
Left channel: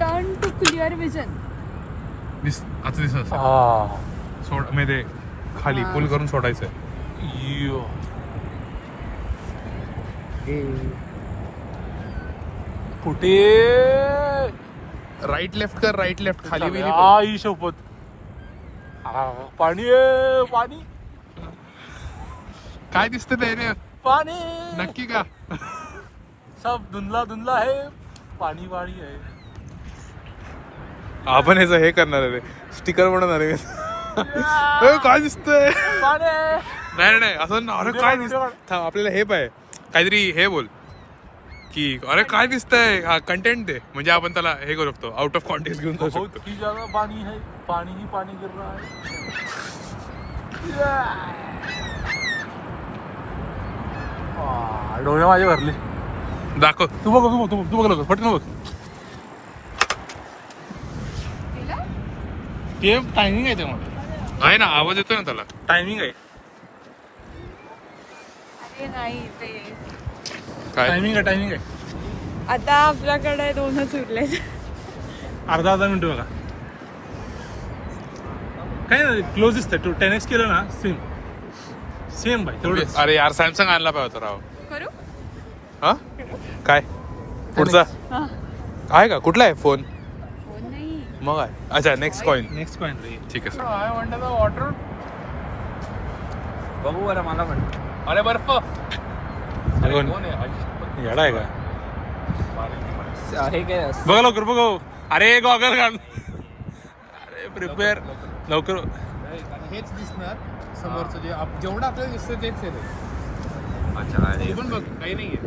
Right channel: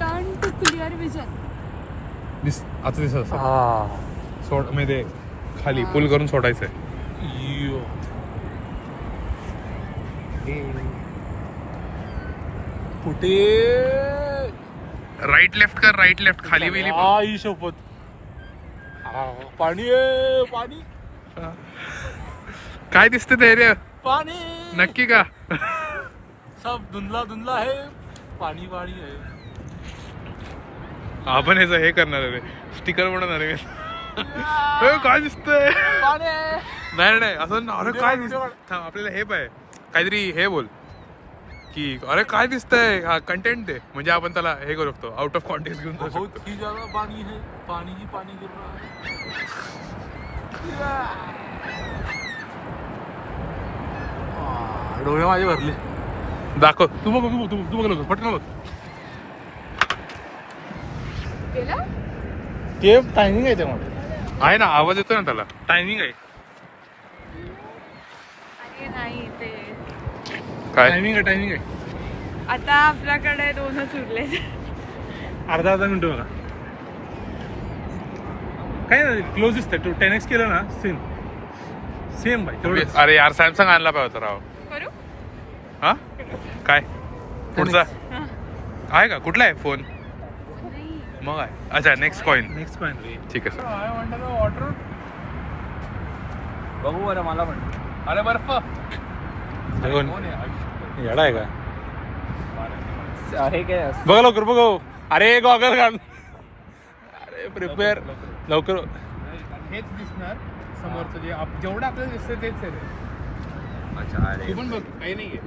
टर्न टू क्लिअर विजन आता दिसत हा. सोड म्हणजे खाली पुल करून सोडायचंय. यो. कुठे? राईट लेफ्ट कर. राईट लेफ्ट खाली वेली. आई शपथ. पाणी आहे पाणी काय दिसतं ते रे? पाणी नक्की का? सब धुंदला आहे. पाणी पाणी आहे. आपण ह्याचं हे करणार आहे रे. स्टिकर बनवणार आहे. काय दिसतंय? पाणी नाही असं. अरे काय दिसत? आपल्याला हे पाय काहीतरी हे बोल की अरे काय दिसतंय. हा कंटेंट दे म्हणजे आपण त्याला हे करू शकतो. आउट ऑफ कॉन्टेक्स्ट घेऊन जाऊ बहुत शकतो. ही ज्यादा पानी है. पानी ही पानी गिर रहा है. डोळे माझे भरले. दाखव. तू बघ लवकर पटकन बघ. गेलं ते टायमिंग आहे त्यामध्ये. आहे ना आवाज येतो ना त्याला. टायमिंग आहे. अरे नाही ते काय टायमिंग आहे. आता आपल्याकडे 2च उरले अर्धा मिनिट बघा. काय नाही क्लोज दिसतंय. 10x केलं ना सेम भाई तेवढंच. अरे यार सॅमसंग आणला पाहिजे होता राव. करू हा काय पुढचा हा आहे का? कुठला आहे फोन? फोन नाही मग आहे. अच्छा नेक्स्ट कॉइन. Next point. ठीक आहे सर. वॉटर. बघू बरं मला पण. अरे बर्फ. येडा आहे का? हे काय असं? बघा लवकर बघ. अरे गॉगल घाल. अरे प्रिपेअर लवकर. हेच दिसणार समोरचं जेवढं आपल्याला दिसतंय तेच आहे रे. अच्छा अरे तू पण बघ काही नाहीये.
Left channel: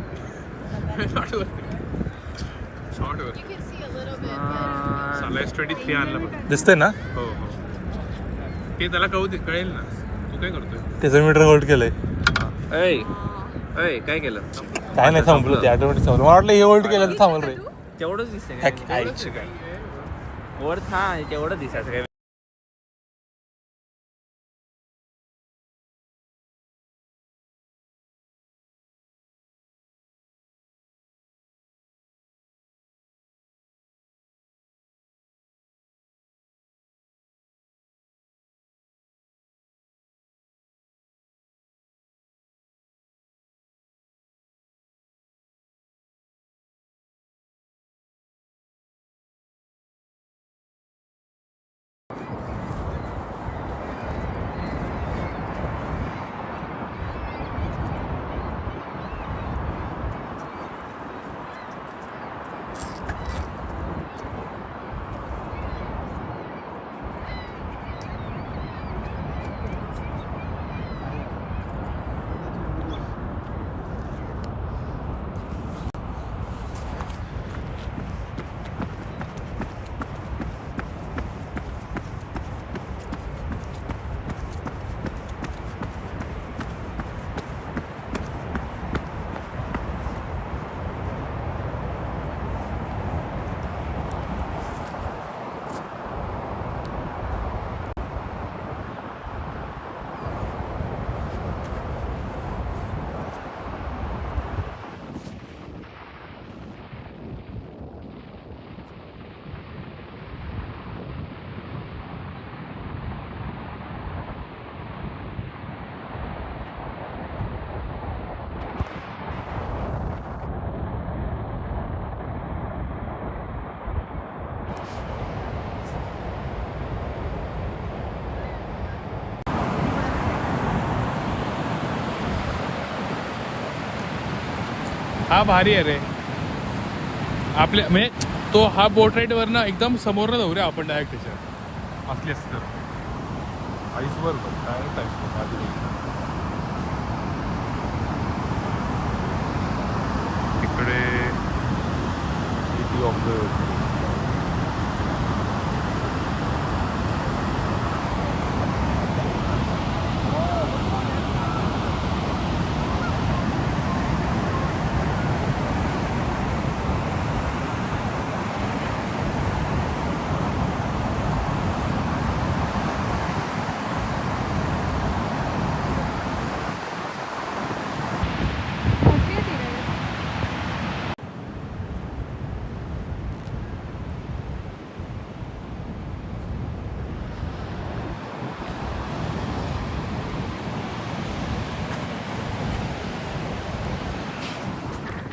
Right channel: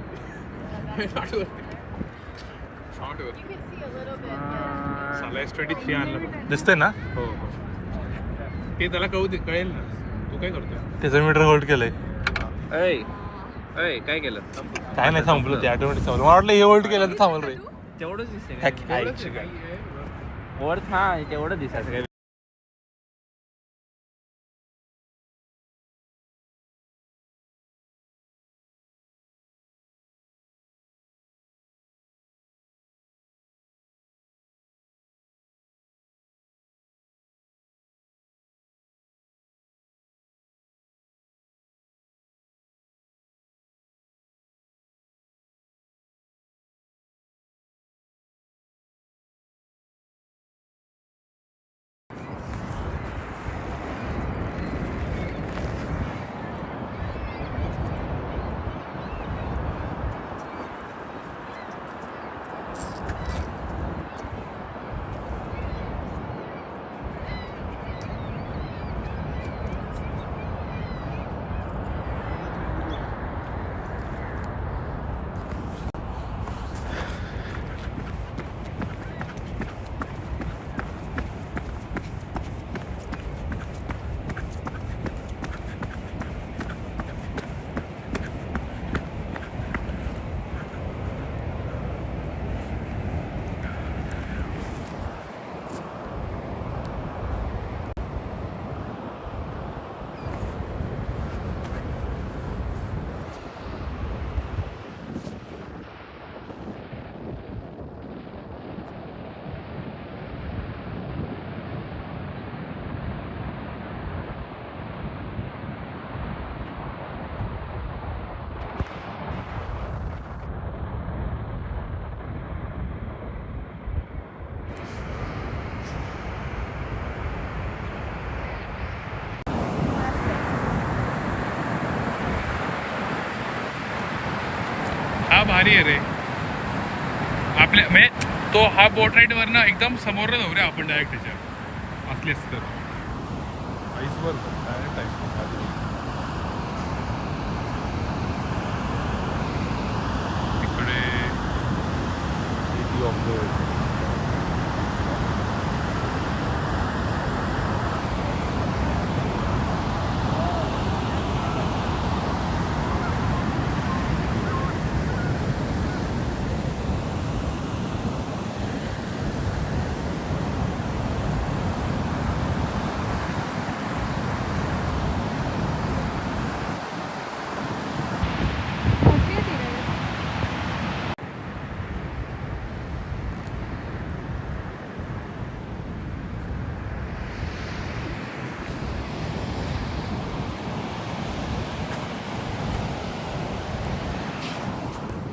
साला S23 आणलं बघ. दिसतंय ना? हो ते त्याला कळेल ना. तू काय करतोय? त्याचं मीटर होल्ड केलंय. ऐ काय केलं? काय नाही थांबलं ते ऑटोमॅटिक थांबलं. मला वाटलं हे होल्ड केलं तर थांबल रे. तेवढंच दिसतंय काय वर. हा तेवढं दिसायचं काय भारी आहे रे आपल्या म्हणजे तो हा बोट राईड वरनं एकदम समोर जाऊ रे आपण डायरेक्ट त्याच्या असली असते तर आईसवर डायरेक्ट तिकडे सिटी ऑफ द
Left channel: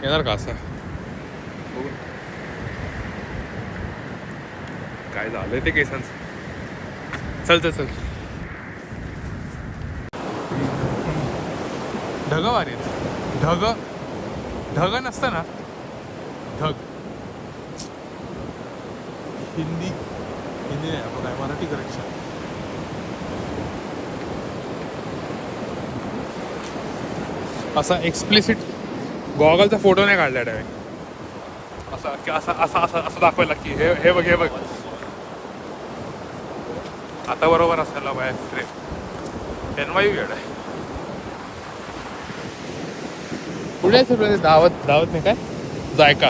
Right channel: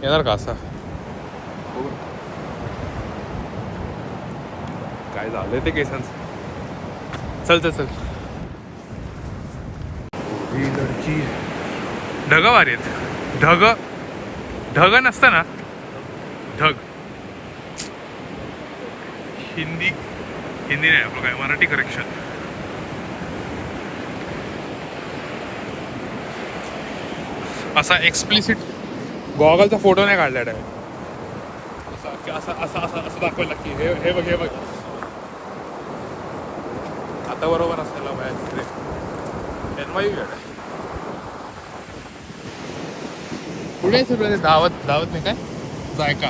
येणार का असा काय झालंय ते केसांचं चल चल चल ढग वारी आहेत ढग ढग नसतं ना ढग हिंदी नाही आपलं काय मराठी करेक्शन असा एक्सप्लिसिट गॉगलचा फोटो नाही काढला डायरेक्ट असं असं असं असं असं दाखवायला की हे बघ हे बघ आता बरोबर असायला बाहेर NYU येड आहे पुढे सगळं दावत नाही काय जायका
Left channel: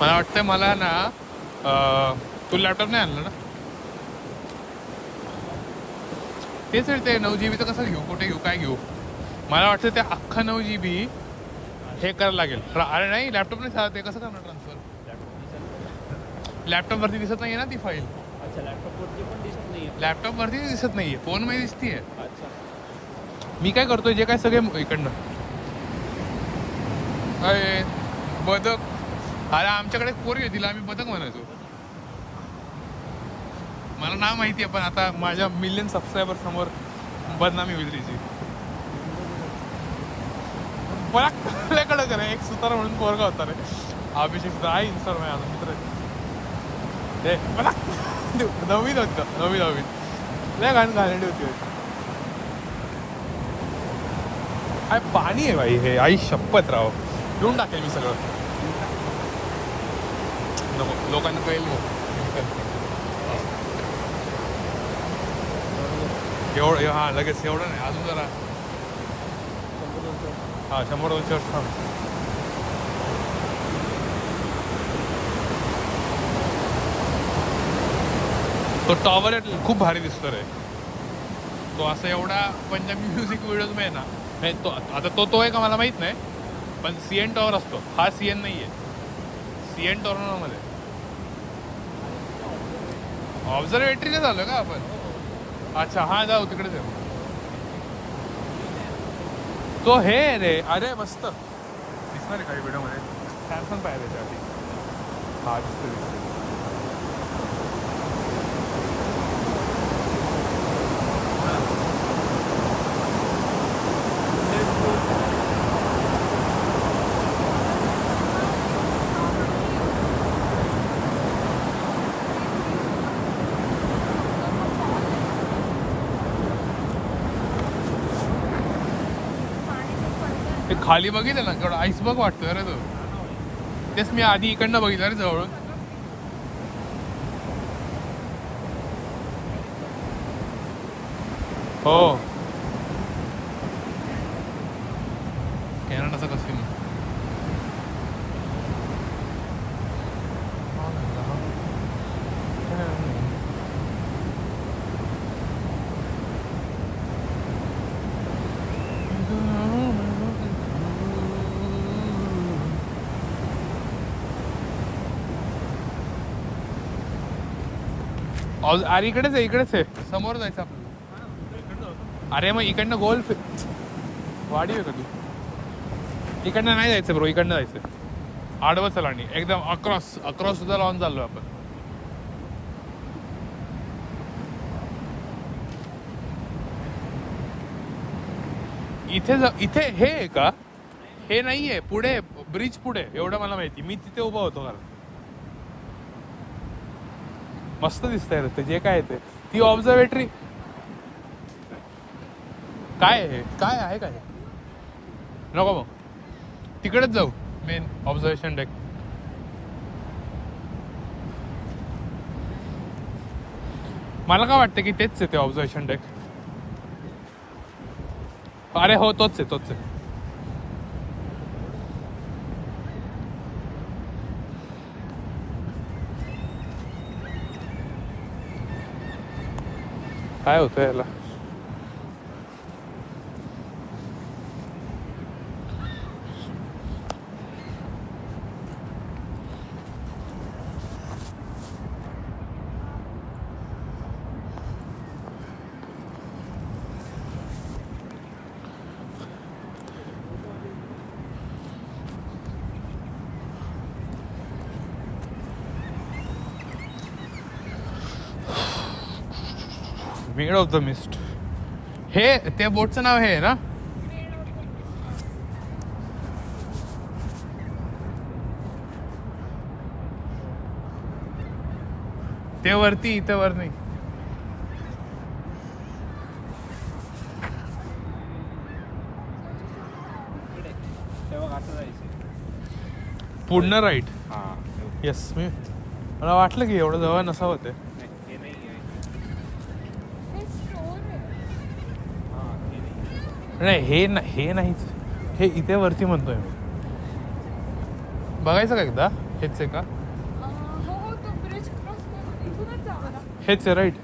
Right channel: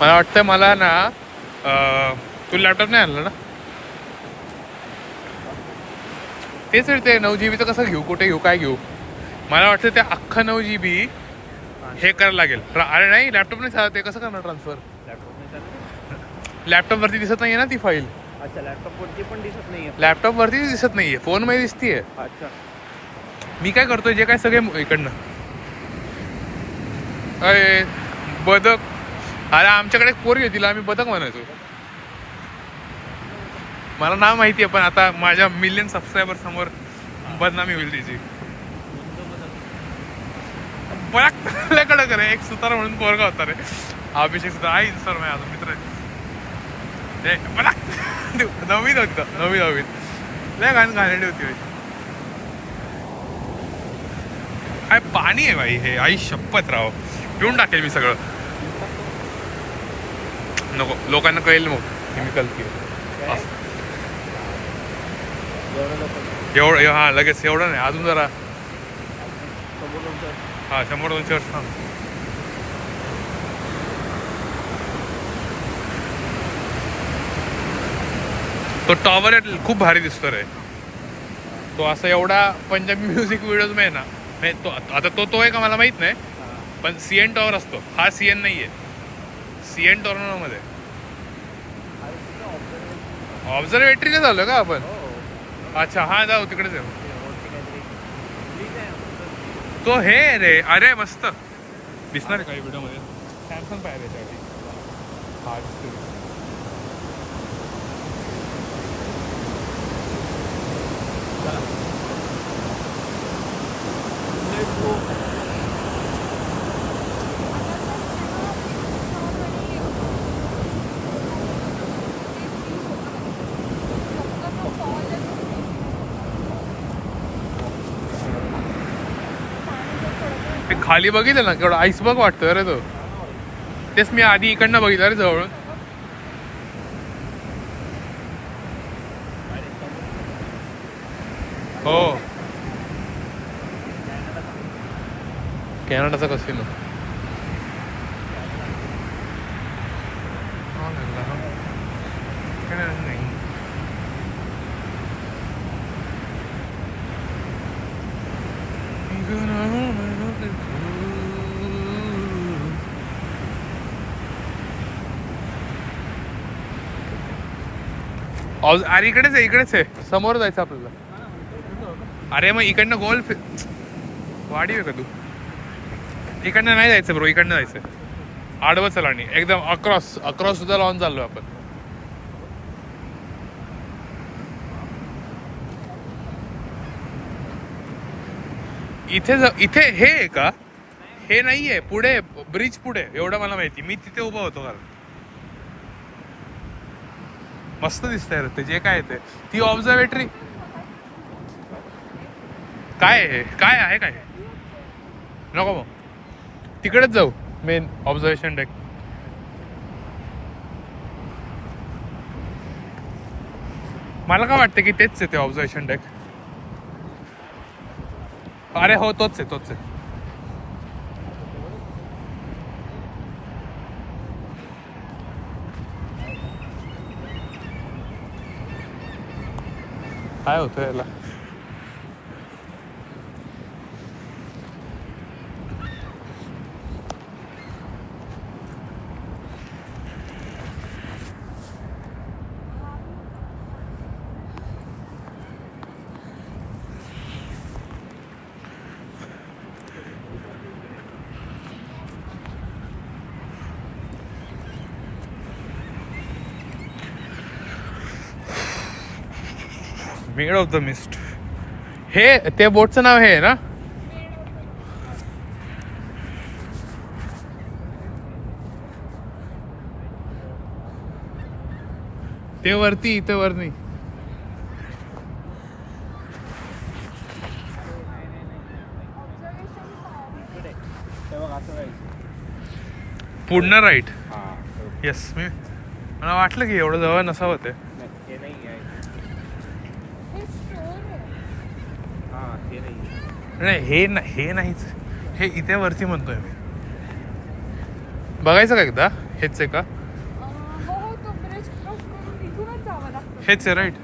मला वाटतं मला ना तू लॅपटॉप नाही आणला ना तेच ते 9 GB तर कसं घेऊ कुठे घेऊ काय घेऊ मला वाटतं ते अख्खं 9 GB हे करायला लागेल अरे नाही लॅपटॉप नाही चालत ते कसं करणार ट्रान्सफर लॅपटॉपवरती दिसत नाहीये ना ती फाईल लॅपटॉपवरती दिसत नाहीये फोनमध्ये दिसतीये मी काय करतोय जे काय सगळे इकडनं अरे बदक अरे आमच्याकडे एक पोरगी होती तिला आम्ही बदक म्हणायचो मला नाव माहिती आहे पण आता माझ्या मिलियन सबस्क्रायबर समोर बदनामी होईल तिची बऱ्या कडक रे एक सुतार म्हणून पोरगा होता रे अभिषेक सुतार आहे इन्स्टॉल माझ्या अजून मित्र आहे मला नवीन होती नवीन लय घाणेरडी होती काय पाणी आहे बाई हे आई शपथ राव पिऊन टाकेल मी सगळं नको लोकांना कळेल मग केमिकल असं एवढं हा लगेच एवढं नाही अजून जरा हा 100-200 वर्ष थांब तो टॉवर खूप भारी दिसतो रे तो असं एवढा पंजाबी म्युझिक व्हिडिओज मध्ये ना नाही तो आता तो आहे का मला माहित नाही पण CN टॉवर असतो हा CN नाहीये CN टॉवर मध्ये ऑब्झर्वेटरीला झालं का आपण अच्छा हा जाऊ तिकडेच आहे तो हे रे अरे मस्त दिसणार आहे काही व्हिडिओ मध्ये सॅमसंग पाहिजे त्यासाठी हा दिसतो खाली बघितलं ना केवढा आईसबर्ग वाटतोय रे तो तेच मी आधी इकडनं बघितलं रे जवळून हो कॅनडाचा कसिनो नाही अरे इकडेच आहे समोर जायचं आपल्याला अरे मग इकडनं गोल वाढीव का तू इकडनं नाही जायचं ब्रो इकडनं जायचं आडवं चलाणी एकदम अक्रॉस अक्रॉस सुद्धा लावून चाललोय आपण. इथे हे आहे का? हे नाहीये, पुढे ब्रिज पुढे, एवढं मला माहिती. मी तिथे उभा होतो कारण. मस्त दिसतंय रे ते जे काय ते. ती ऑब्झर्वेटरी काय आहे? काय आहे काय? नको मग तिकडेच जाऊ मेन ऑब्झर्वेशन डेक. मला काय वाटतं की तेच आहे ते ऑब्झर्वेशन डेक. अरे हो तोच आहे तोच आहे. काय होतं याला? Made of the mist. हे त्या बोटचं नाव हे आहे ना? ते वरती इथं वर नाही. पूर्ण राईट. येस मी मला वाटलं की एवढं जवळ नसावं ते. नाही हे नाहीच. हे इथे वरती म्हणतोय मी. बघायचं का एकदा? हेच आहे का? हेच आहे राईट.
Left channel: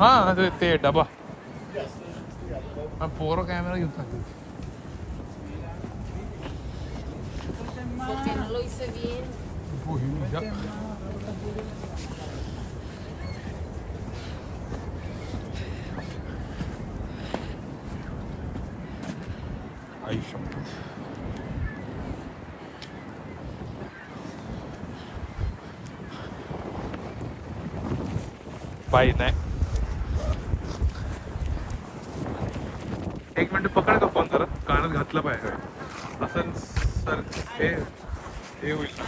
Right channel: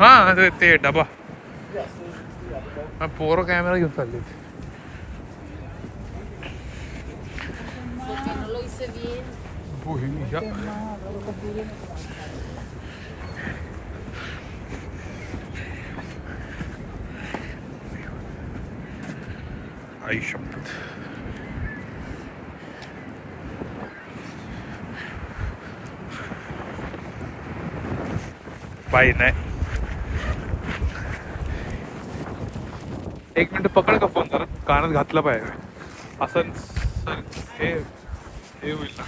हा ते डबा. पोरं कॅमेरा घेऊन चालले. आई शपथ. पायी नाही. एक मिनिट पकड का फोन जरा. कानात घातला पाहिजे असं सर. हे होईल ना.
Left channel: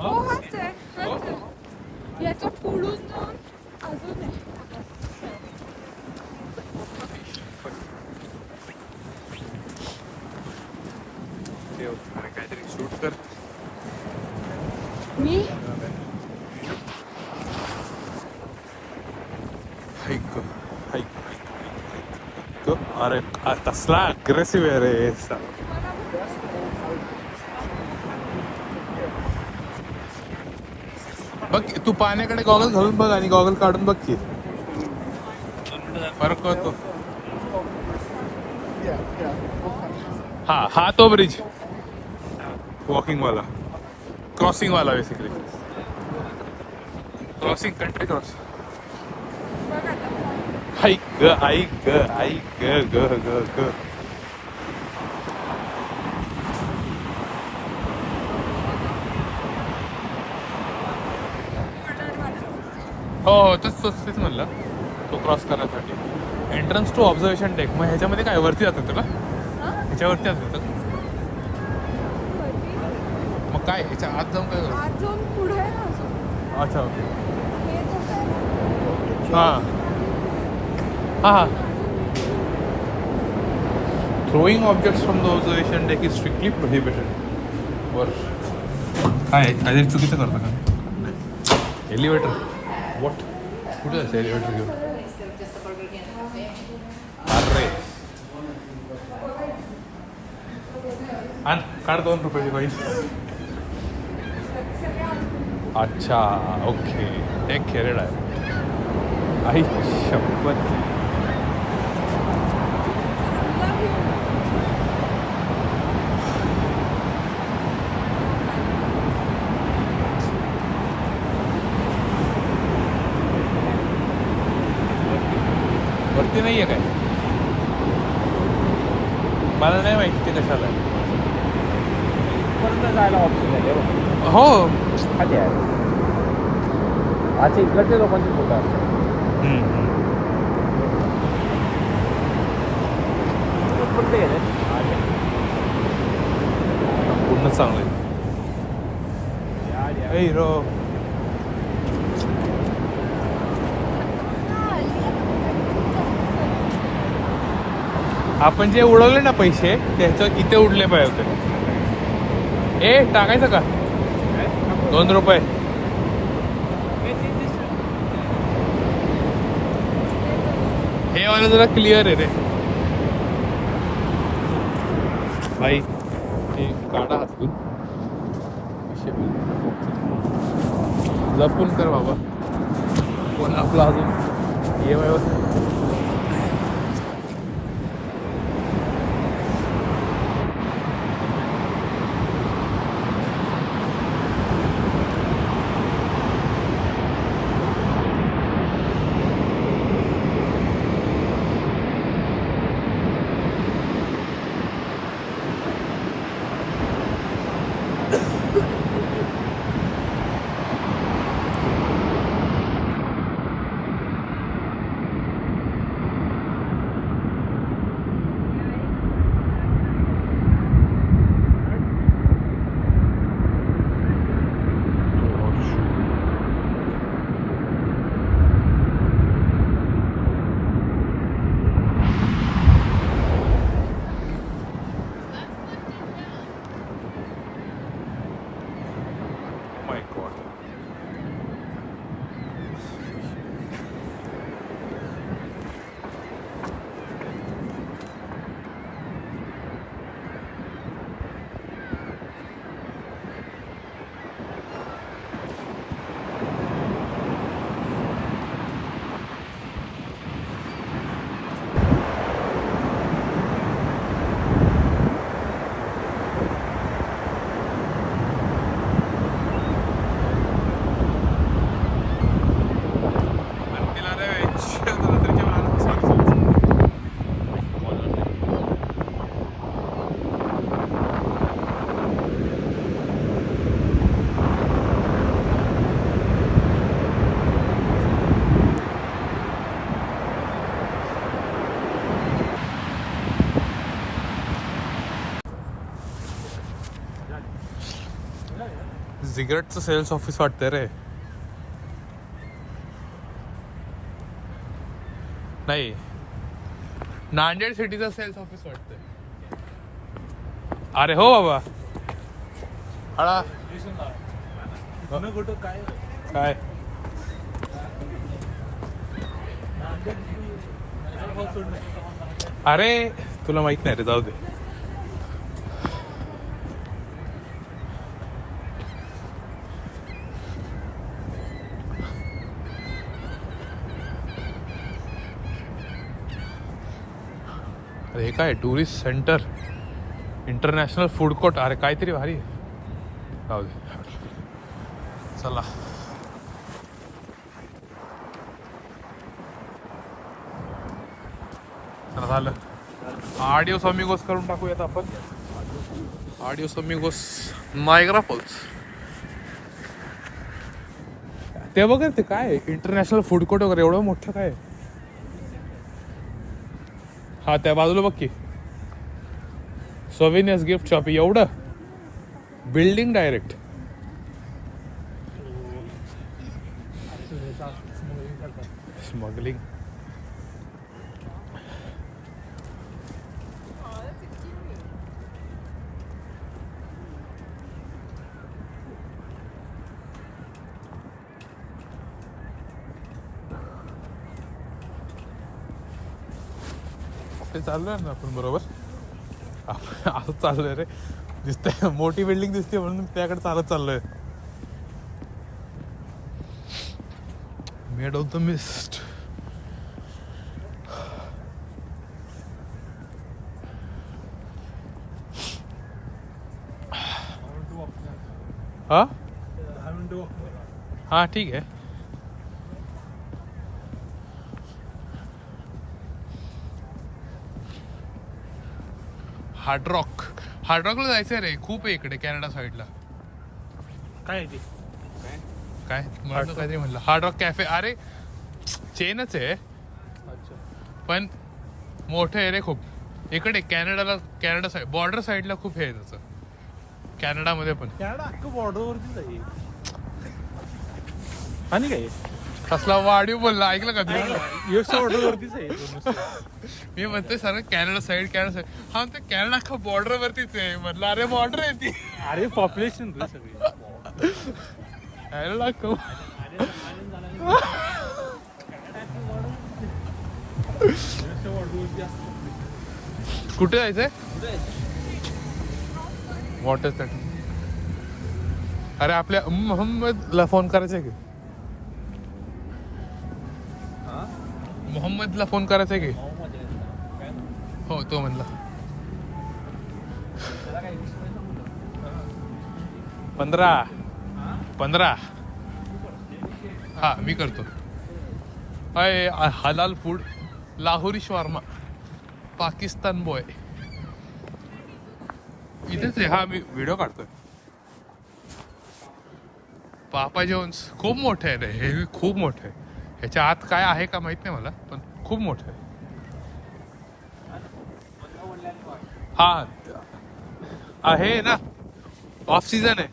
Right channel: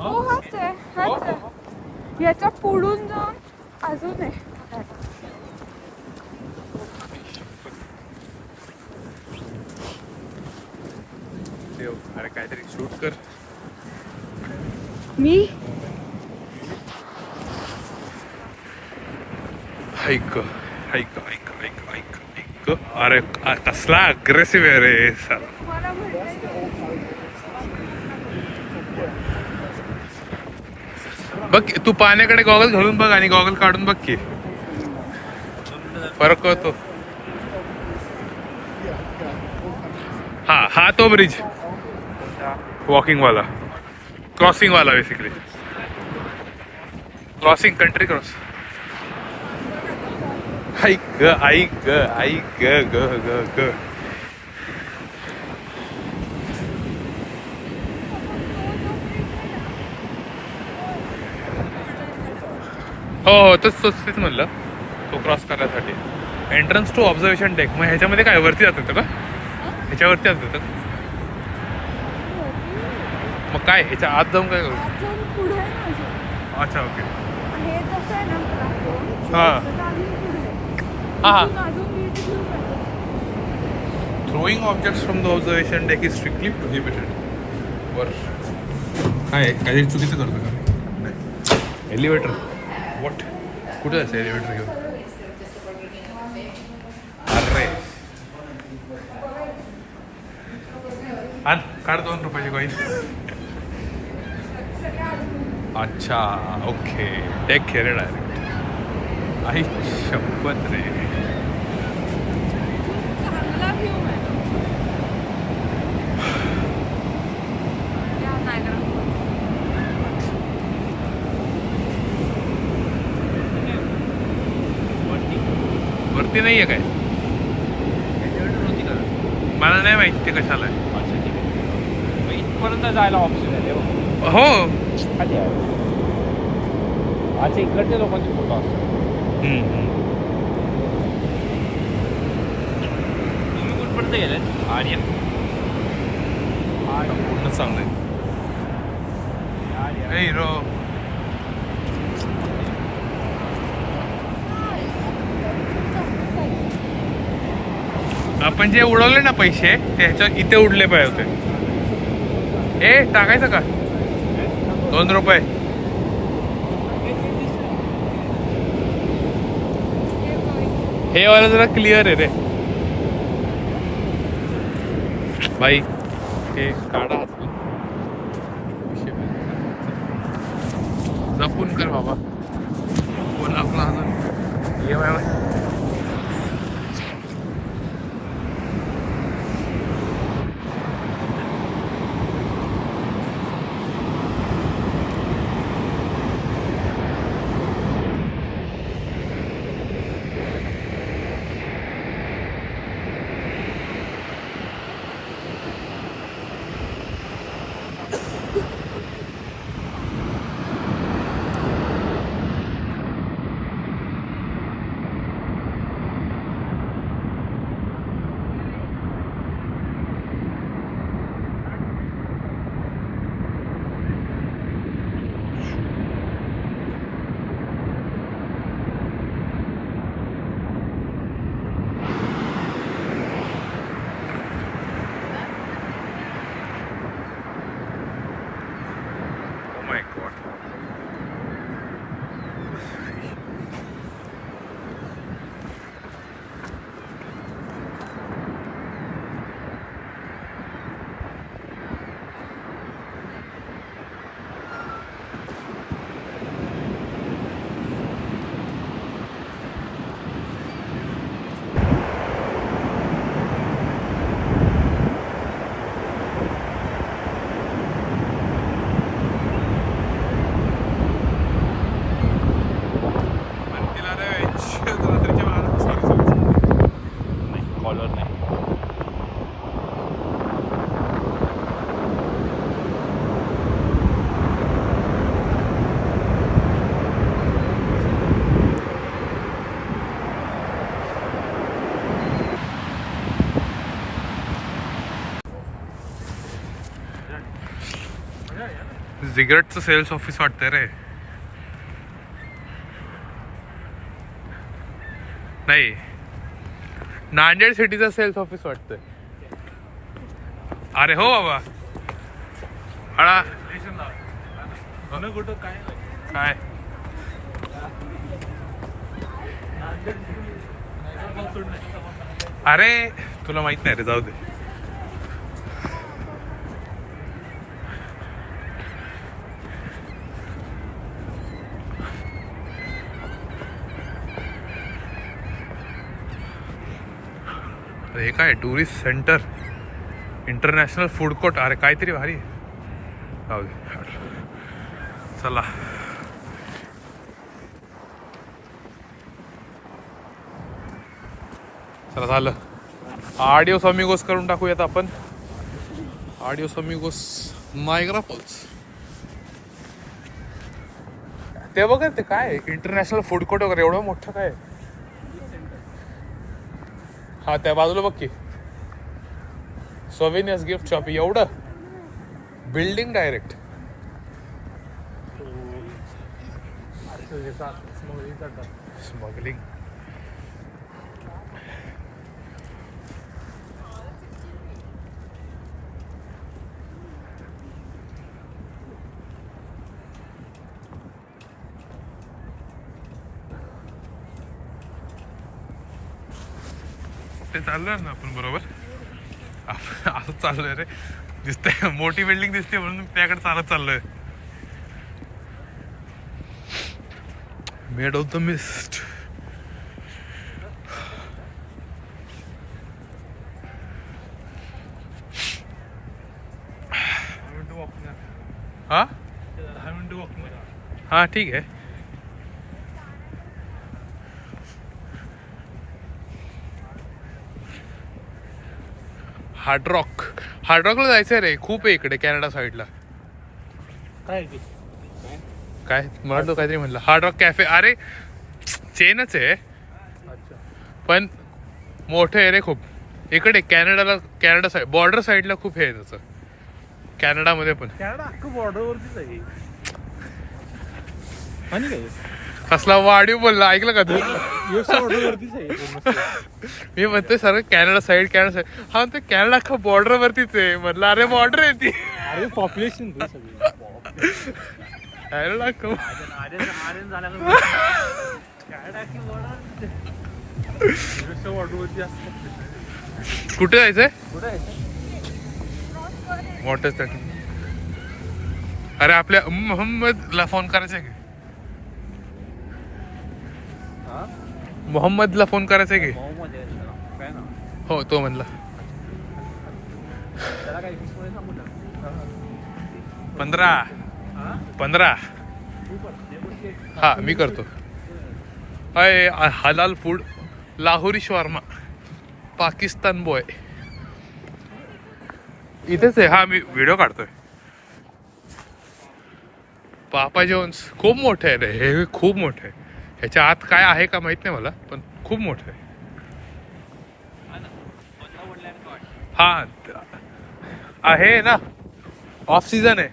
हो हाच आहे. याच्या पुढून जाऊन अजून आहे. अरे काहीतरी शूट कर. मी ऐक ऐक ऐक ऐक ऐक ऐक. अरे कसला अग्रेसिव्ह आहे रे सर. बघ तू पाण्याकडे गॉगल घालून बघ आणि गॉगल काढून बघ की फरक कळतो. हा तो ब्रिज वॉकिंग वाला, क्रॉसिंग वाला बेसिकली. Crossing country cross. ऐक ऐक ऐक ग ग ग. हो तेच म्हणलं. तो क्रॉस करण्यासाठी एंट्रन्स टू ऑब्झर्वेशन डेक. मग ह्याच्यामध्ये काय वरती जात का? ह्याच्यावरती जात. मग काय ह्याच्या आत जाऊन काय करू? अच्छा ओके. हां हां. Throwing objects from the observation deck is strictly prohibited. वर काय काहीतरी चुकीचं करतो का? Elevator what? कुठे जायचं एलिव्हेटर घेऊन? अरे आण काढ 2 रुपयाची कॉईन. अच्छा ओके. डेक खेळ डायरेक्ट. आई शपथ रे. माहिती नाहीये काय? मला नाही माहिती ते कशाला आहे. इथपर्यंत जायला ऑप्शन आहे. हो. खाली आहे. अच्छा इकडच्या लोकांची फोटो असतात. कुठपर्यंत गेले? आणि पूर्ण चांगलं आहे. ए हिरो, आपण जे उडवले ना पैसे त्याच्या इथे उडले पाहिजे होते. ए टाकायचं का 2 रुपये? हे वाला जरा क्लिअर आहे रे भाई. ते काढा हातून लपून कर बाबा. कोण आपला अजून my god. रात्रीच्या 12 सॉरी कॉलर नाही. सिगरेटचं सेल्स ऑफिस वाटतंय रे. नाही, नांदेड सिटीचं सेल्स ऑफिस वाटतंय. अरे हो बाबा. हळा काय अरे तुला माहित नाही रे, जाऊ दे. हे काय tourist centre, international food court. अरे काहीतरी भारी आहे. जाऊ दे, चला. चला झालं. आडिओस अमिगोस करून टाकूयात आपण. आडिओस अमिगोस नायग्रा फॉल्स. ते बघा ते काय इंटरनॅशनल फूड कोर्ट वगैरे एवढं मोठं काय. हा त्या बाजूला बघ की सोविनियर्स गिफ्ट शॉप. एवढं बिल्डिंग डायरेक्ट. स्मगलिंग. ते चाललोय ना आपण बरोबर. असं चाललोय रे. दिसतंय मोठी बिल्डिंग दिसते म्हणून त्याकडे चालत चाललोय. Made of the mist. हा ठीक आहे. हार्ड रॉकला जायचंय रे, खूप आहे इकडे कॅनडा साईडला. काय ते काय मला तो काहीतरी म्हणलं हार्ड रॉक कॅफे. अरे चेनच आहे पण मोठं आहे रे खूप. इकडे कॅनडा साईड बॉर्डर साईडला खूप हे आहे त्याचं, कॅनडामध्ये पण. बॉर्डरवरतीच आहे आणि काय कसला वाढीव बोलला, ऐकलं का तू? युएसच्या बॉर्डरवरतीच आहे. मी म्हणतोय सर कॅनडा साईड हा म्हणतो कॅनडा का बॉर्डर वरतीच आहे. म्हटलं अरे बॉर्डर आहे ती. अरे पॉप्युलेशन सगळी कॅनडा कुठे जायचंय? Water that? अरे आपल्या मोहम्मदला फोन करायचा की, मोहम्मदला फोन करायचा की. हो तो म्हणला 15 हा मी करतो. अय हलाल food, Lahori shawarma, Pakistan boy इथेच आहे. हा मी व्हिडिओ काढतोय. पापा जॉन्स खूप मोठं आहे रे हे, खूप मोठं आहे. ह्याच्या आत काय आहे का माहित नाही मला, पण खूप मोठं आहे. हा आहे ना, ऑफ सीझन आहे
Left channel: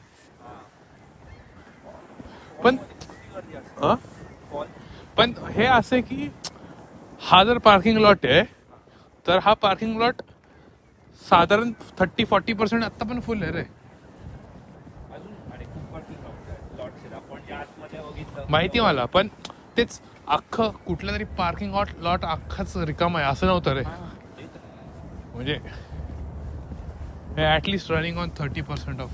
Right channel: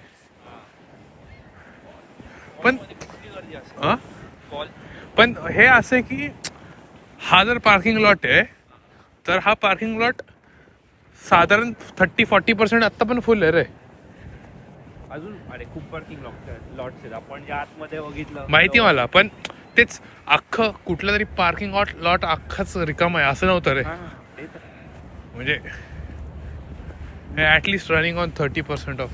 पण हे असं की हा जर पार्किंग लॉट आहे तर हा पार्किंग लॉट साधारण 30-40% आत्ता पण फुल आहे रे. अजून अरे खूप पार्किंग लॉट्स आपण ज्या आतमध्ये बघितलं माहिती मला, पण तेच अख्खं कुठलं तरी पार्किंग लॉट अख्खाच रिकाम आहे असं नव्हतं रे. म्हणजे ॲटलिस्ट रनिंग ऑन 30% ऑफ.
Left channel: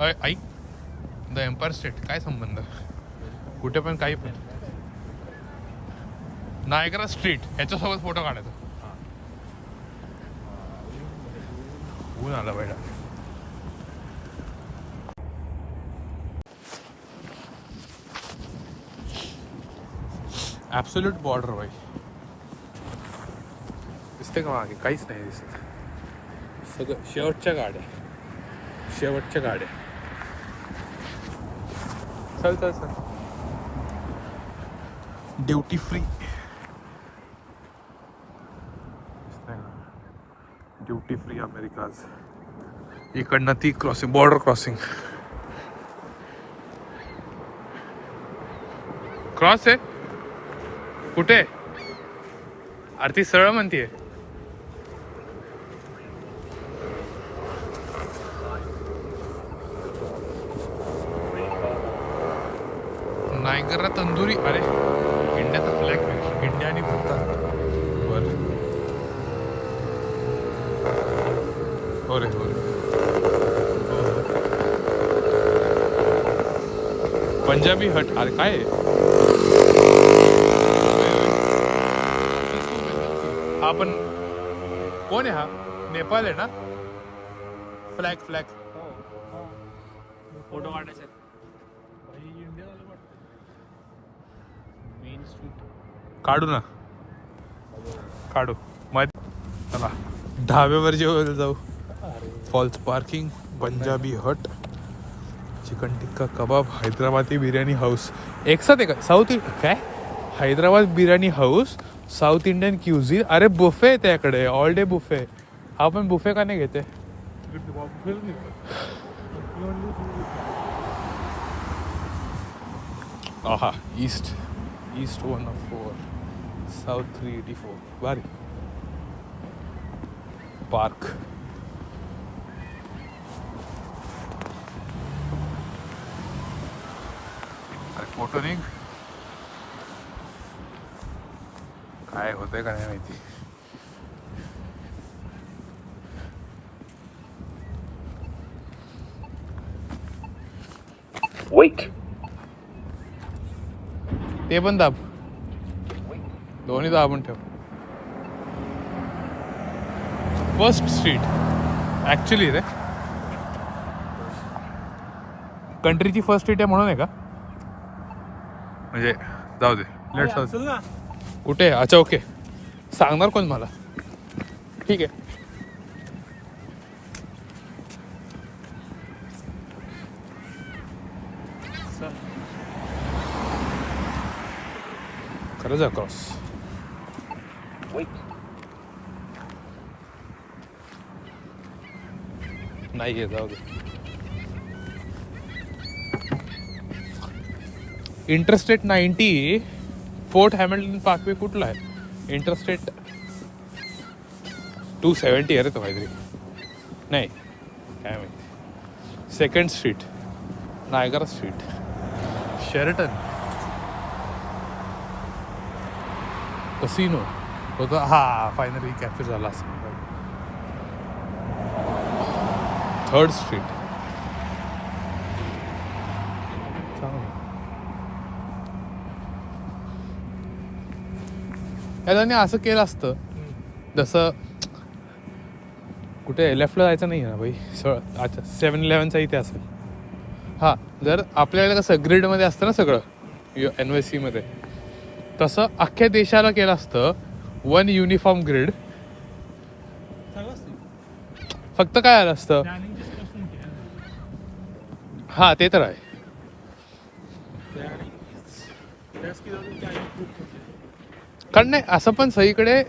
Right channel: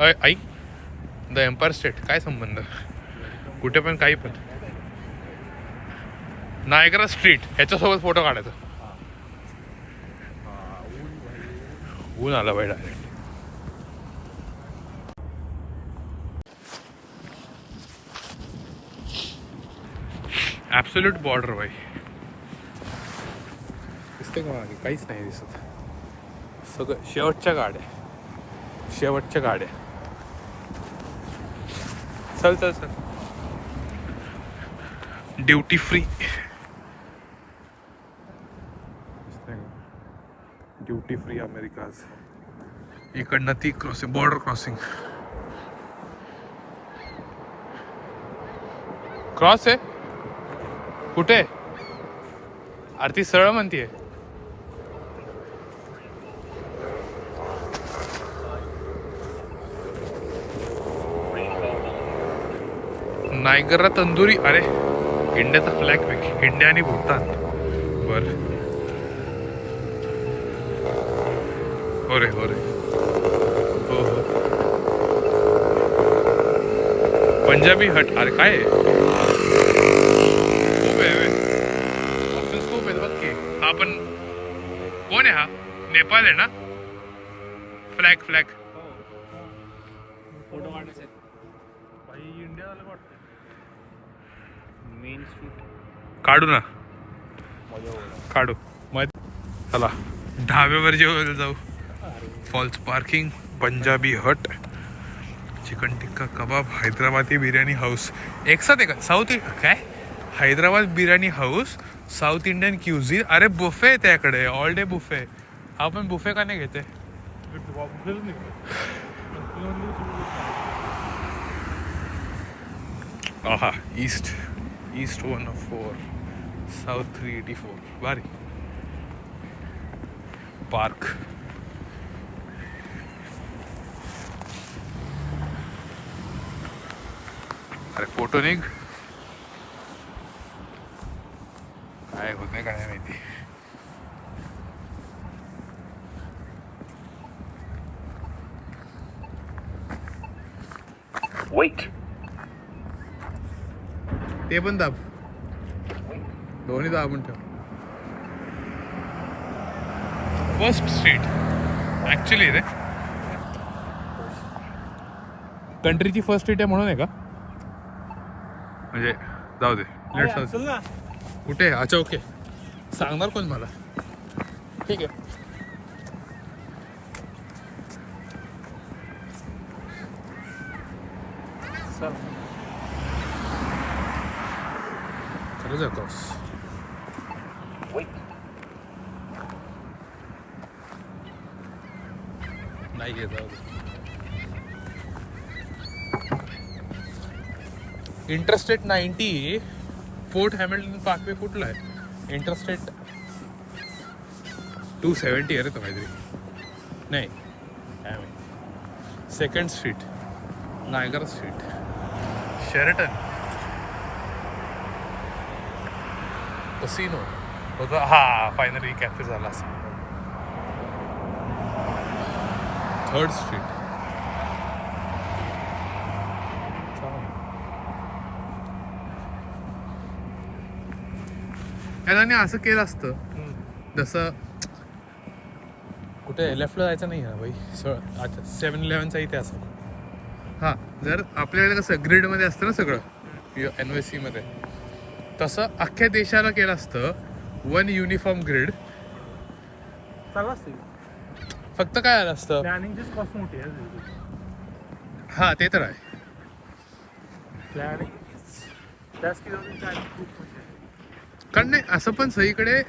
ऐक द एम्पायर स्टेट काय संबंध, कुठे पण काही पण. नायग्रा स्ट्रीट ह्याच्यासोबत फोटो काढायचा. ऊन आला बैडा. ॲब्सोल्यूट बॉर्डर बाई. दिसते का मागे? काहीच नाही दिसत. सगळं शेवटच्या गाड्या. चल duty free. Duty free Americas. इकडनं ती क्रॉसिंग, बॉर्डर क्रॉसिंग. क्रॉस आहे कुठे? अरे ती सरळ म्हणतीये. नायगरा तंदुरी. अरे इंडियाचा फ्लॅग पैकी इंडिया आणि भूतान. बरं हो रे हो. पंजाबी हट. अरे काय हा पण कोण आहे? हा नेपाळ आहे ना? फ्लॅग फोटो काढायचे. काढू मग. चला ढाब्यावर जेवायला जाऊ. फॉल्स पार्किंग, पंजाबी हट, चिकन टिक्का कबाब, हैदराबादी बिर्याणी हाऊस. एक साथ आहे का? साऊथ काय? Hyderabad biryani house, south Indian cuisine. अरे बुफे आहे त्याकडे, ऑल डे बुफे. आपण बुफे का नाही घेते? आहा ईस्ट 104, साऊथ 384. भारी पार्क. अरे फोटो निघ. काय होतंय का नाही माहिती. ते पण दाब, दोन्ही दाबून ठेव. फर्स्ट स्ट्रीट ऍक्च्युली रे कंट्रीची फर्स्ट स्ट्रीट आहे म्हणून आहे का? म्हणजे जाऊ दे, लेट्स जाऊ दे. कुठे? अच्छा ओके. सांगणार कोण मला? ठीक आहे. खरंच अक्रॉस. नाही घे, जाऊ दे. इंटरस्टेट 90 फोर्ट हॅमिल्टन पार्कवे कुठला आहे? इंटरस्टेट 270 अरे तो काहीतरी नाही. Second street, Niagara street, Sheraton, casino होता. हा फायनली कॅप्चर झाला असं. Third street. याने असं केलं असतं जसं कुठे लेफ्टला जायचं नाही ना भाई. अच्छा 7-11चा इथे असं. हां, जर आपल्याकडे कसं ग्रीडमध्ये असतं ना सगळं NYC मध्ये, तसं अख्ख्या देशाला केलं असतं 1 युनिफॉर्म ग्रीड. फक्त काय आलं असतं, हां ते तर आहे. कारण नाही असं पण सगळीकडे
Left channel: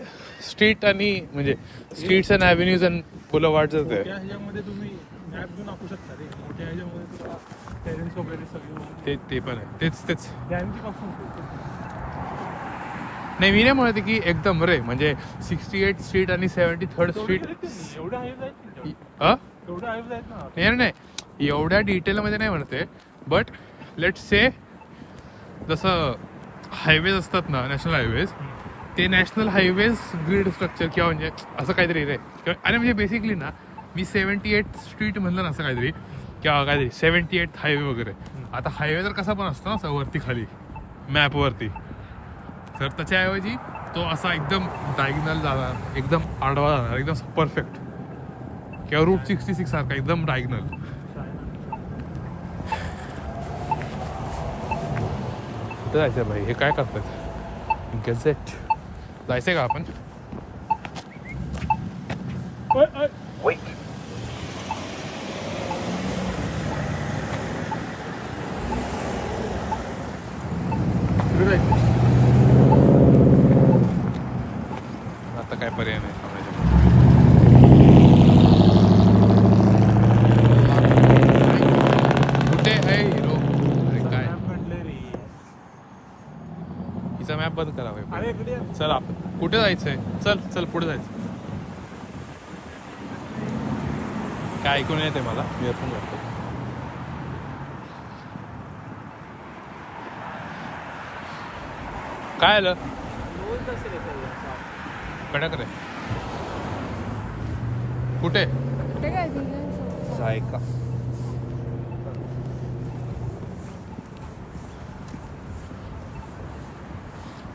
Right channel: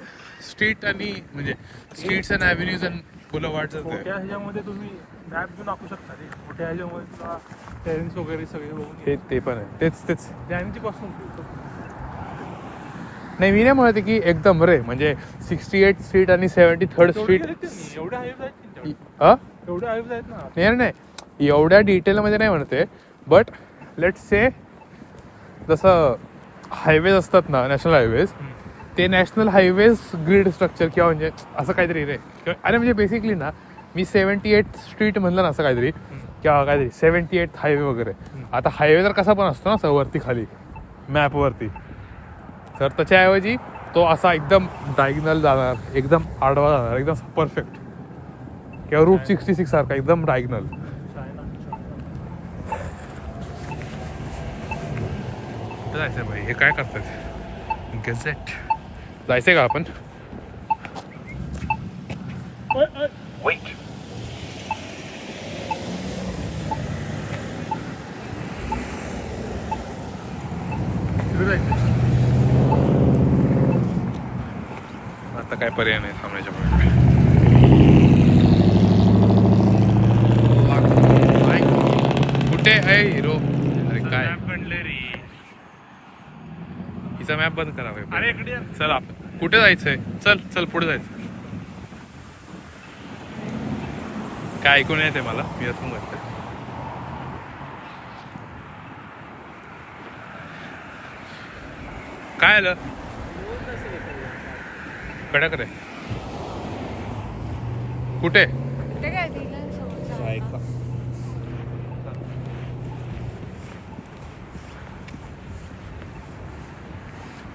स्ट्रीट आणि म्हणजे streets and avenues and boulevards आहेत. मोठ्या ह्याच्यामध्ये तुम्ही मॅप घेऊन टाकू शकता रे. मोठ्या ह्याच्यामध्ये तुला पेरेंट्स वगैरे सगळे बघून ते पण आहे. तेच त्यांची पासून नाही, मी नाही म्हणते की एकदम रे म्हणजे 68 स्ट्रीट आणि 73rd स्ट्रीट. एवढ्या हाईव्ह आहेत एवढ्या हाईव्ह आहेत ना. नाही एवढ्या डिटेलमध्ये नाही म्हणते. बट लेट से जसं हायवेज असतात ना, नॅशनल हायवेज, ते नॅशनल हायवेज ग्रीड स्ट्रक्चर किंवा म्हणजे असं काहीतरी रे. अरे म्हणजे बेसिकली ना, मी 78 स्ट्रीट म्हणलं ना असं काहीतरी, किंवा काहीतरी 78 हायवे वगैरे. आता हायवे तर कसा पण असतो ना असं वरती खाली मॅपवरती, तर त्याच्याऐवजी तो असा एकदम डायगनल जाणार, एकदम आडवा जाणार, एकदम परफेक्ट. किंवा रूट 66 सारखा एकदम डायगनल. कुठं जायचं भाई? हे काय करतात? गॅझेट जायचंय का आपण? आता काय पर्याय नाही थांबण्याच्या पुढे. कुठे आहे हिरो? अरे काय हिचा मॅप बंद करा भाई. चल आपण कुठे जायचंय? चल पुढे जायचं. काय ऐकून येते मला, मी असून जातोय. काय आलं? कडक रे. कुठे? कुठे काय दिलं?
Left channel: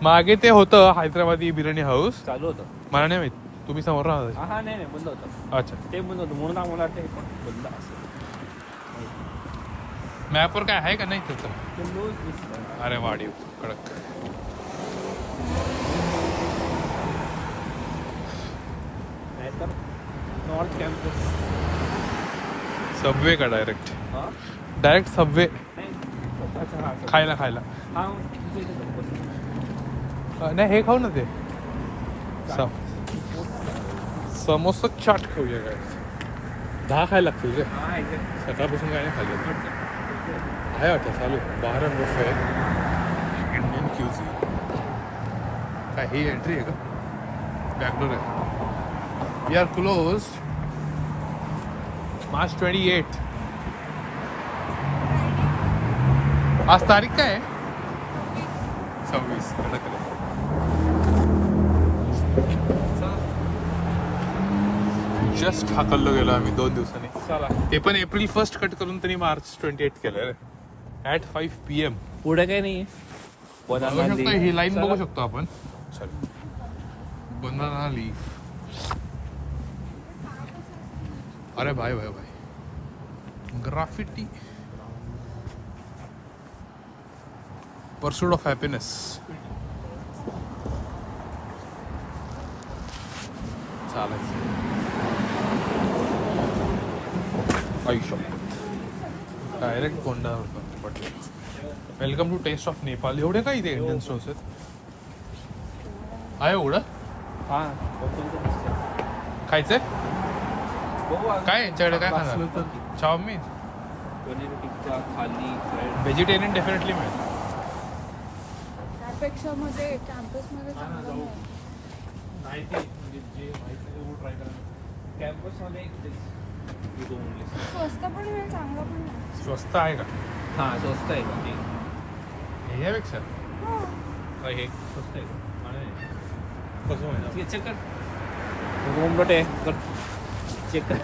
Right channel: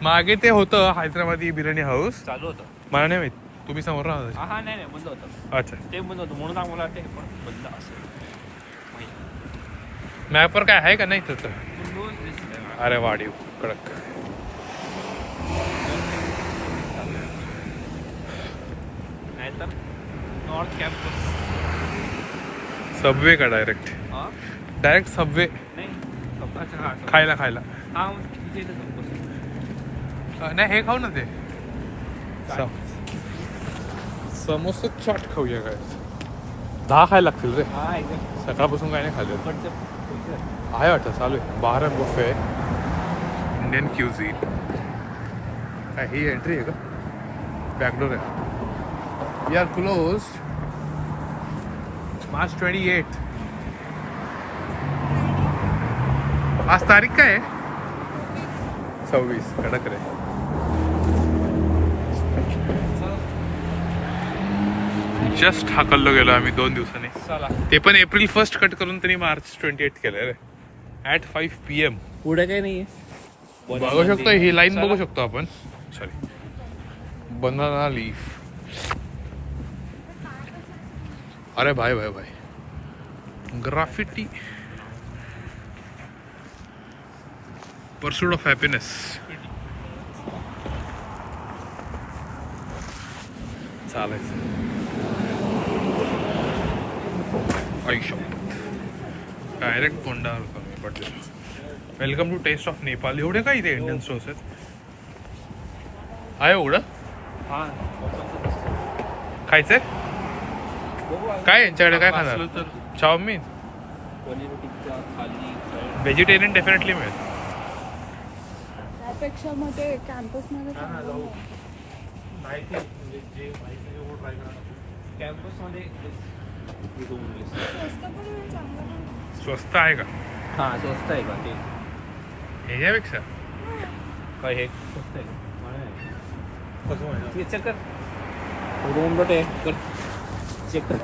मागे ते होतं हैदराबादी बिर्याणी हाऊस. चालू होतं. मला नाही माहित, तुम्ही समोर राहता. हा नाही बंद होतं. अच्छा, ते बंद होतं म्हणून आम्हाला ते बंद असं. मॅपवर काय आहे का नाही त्याचं? रोज दिसत आहे. अरे वाढीव कडक. नाहीतर नॉर्थ कॅम्पस. सबवे का डायरेक्ट? डायरेक्ट सबवे खायला हा तिथे इथं बस. नाही हे खाऊ ना ते समोसा चाट खाऊया. काय 10 खायला लागतील रे. हा आहे का? सकाळपासून काय नाही खाल्लं. इकडचं आहे वाटतं चालू. बाहरन बुफे इंडियन क्युझिन. काय ही एंट्री आहे का? बॅकडोर आहे. We are close March 28. आज तारीख काय आहे? 26. कडक रे. जस्ट हाकललो गेलो आम्ही 2 दिवसांनी. चला ते पण April 1 कट करून त्यांनी March 28 केलं रे. At 5 PM. पुढे काही नाहीये. बघू शकतो ही लाईन बघू शकतो आपण. Sorry, banana leaf. अरे भाई ग्राफिटी. Pursuit of happiness. चालायचं आयुष्य डायरेक्ट कोंडावर पडले. Welcome to taste of Nepal. एवढे काय इथे इंडियन स्टोर्स आहेत? आहे एवढं हा खायचंय? काय यांच्याकडे काय खाणार? असलं तर चाऊमिन. पनीर टिक्का थाली bread. व्हेजिटेरियन डेफिनेटली मिळेल. त्यापेक्षा मध्ये कॅम्पसमध्ये जाऊ. नाही ते म्हणजे जे माहिती आहे ते ट्राय करा. कॅम्पसमध्ये we go only. स्वस्त पण मिळेल, चांगलं पण मिळेल. स्वस्त आहे का हा स्वस्त आहे का ते? ह्याच्यापेक्षा? काय हे स्वस्त आहे का? मला नाही. कसं माहिती चेक कर. रूम डॉट आहे कर चेक कर.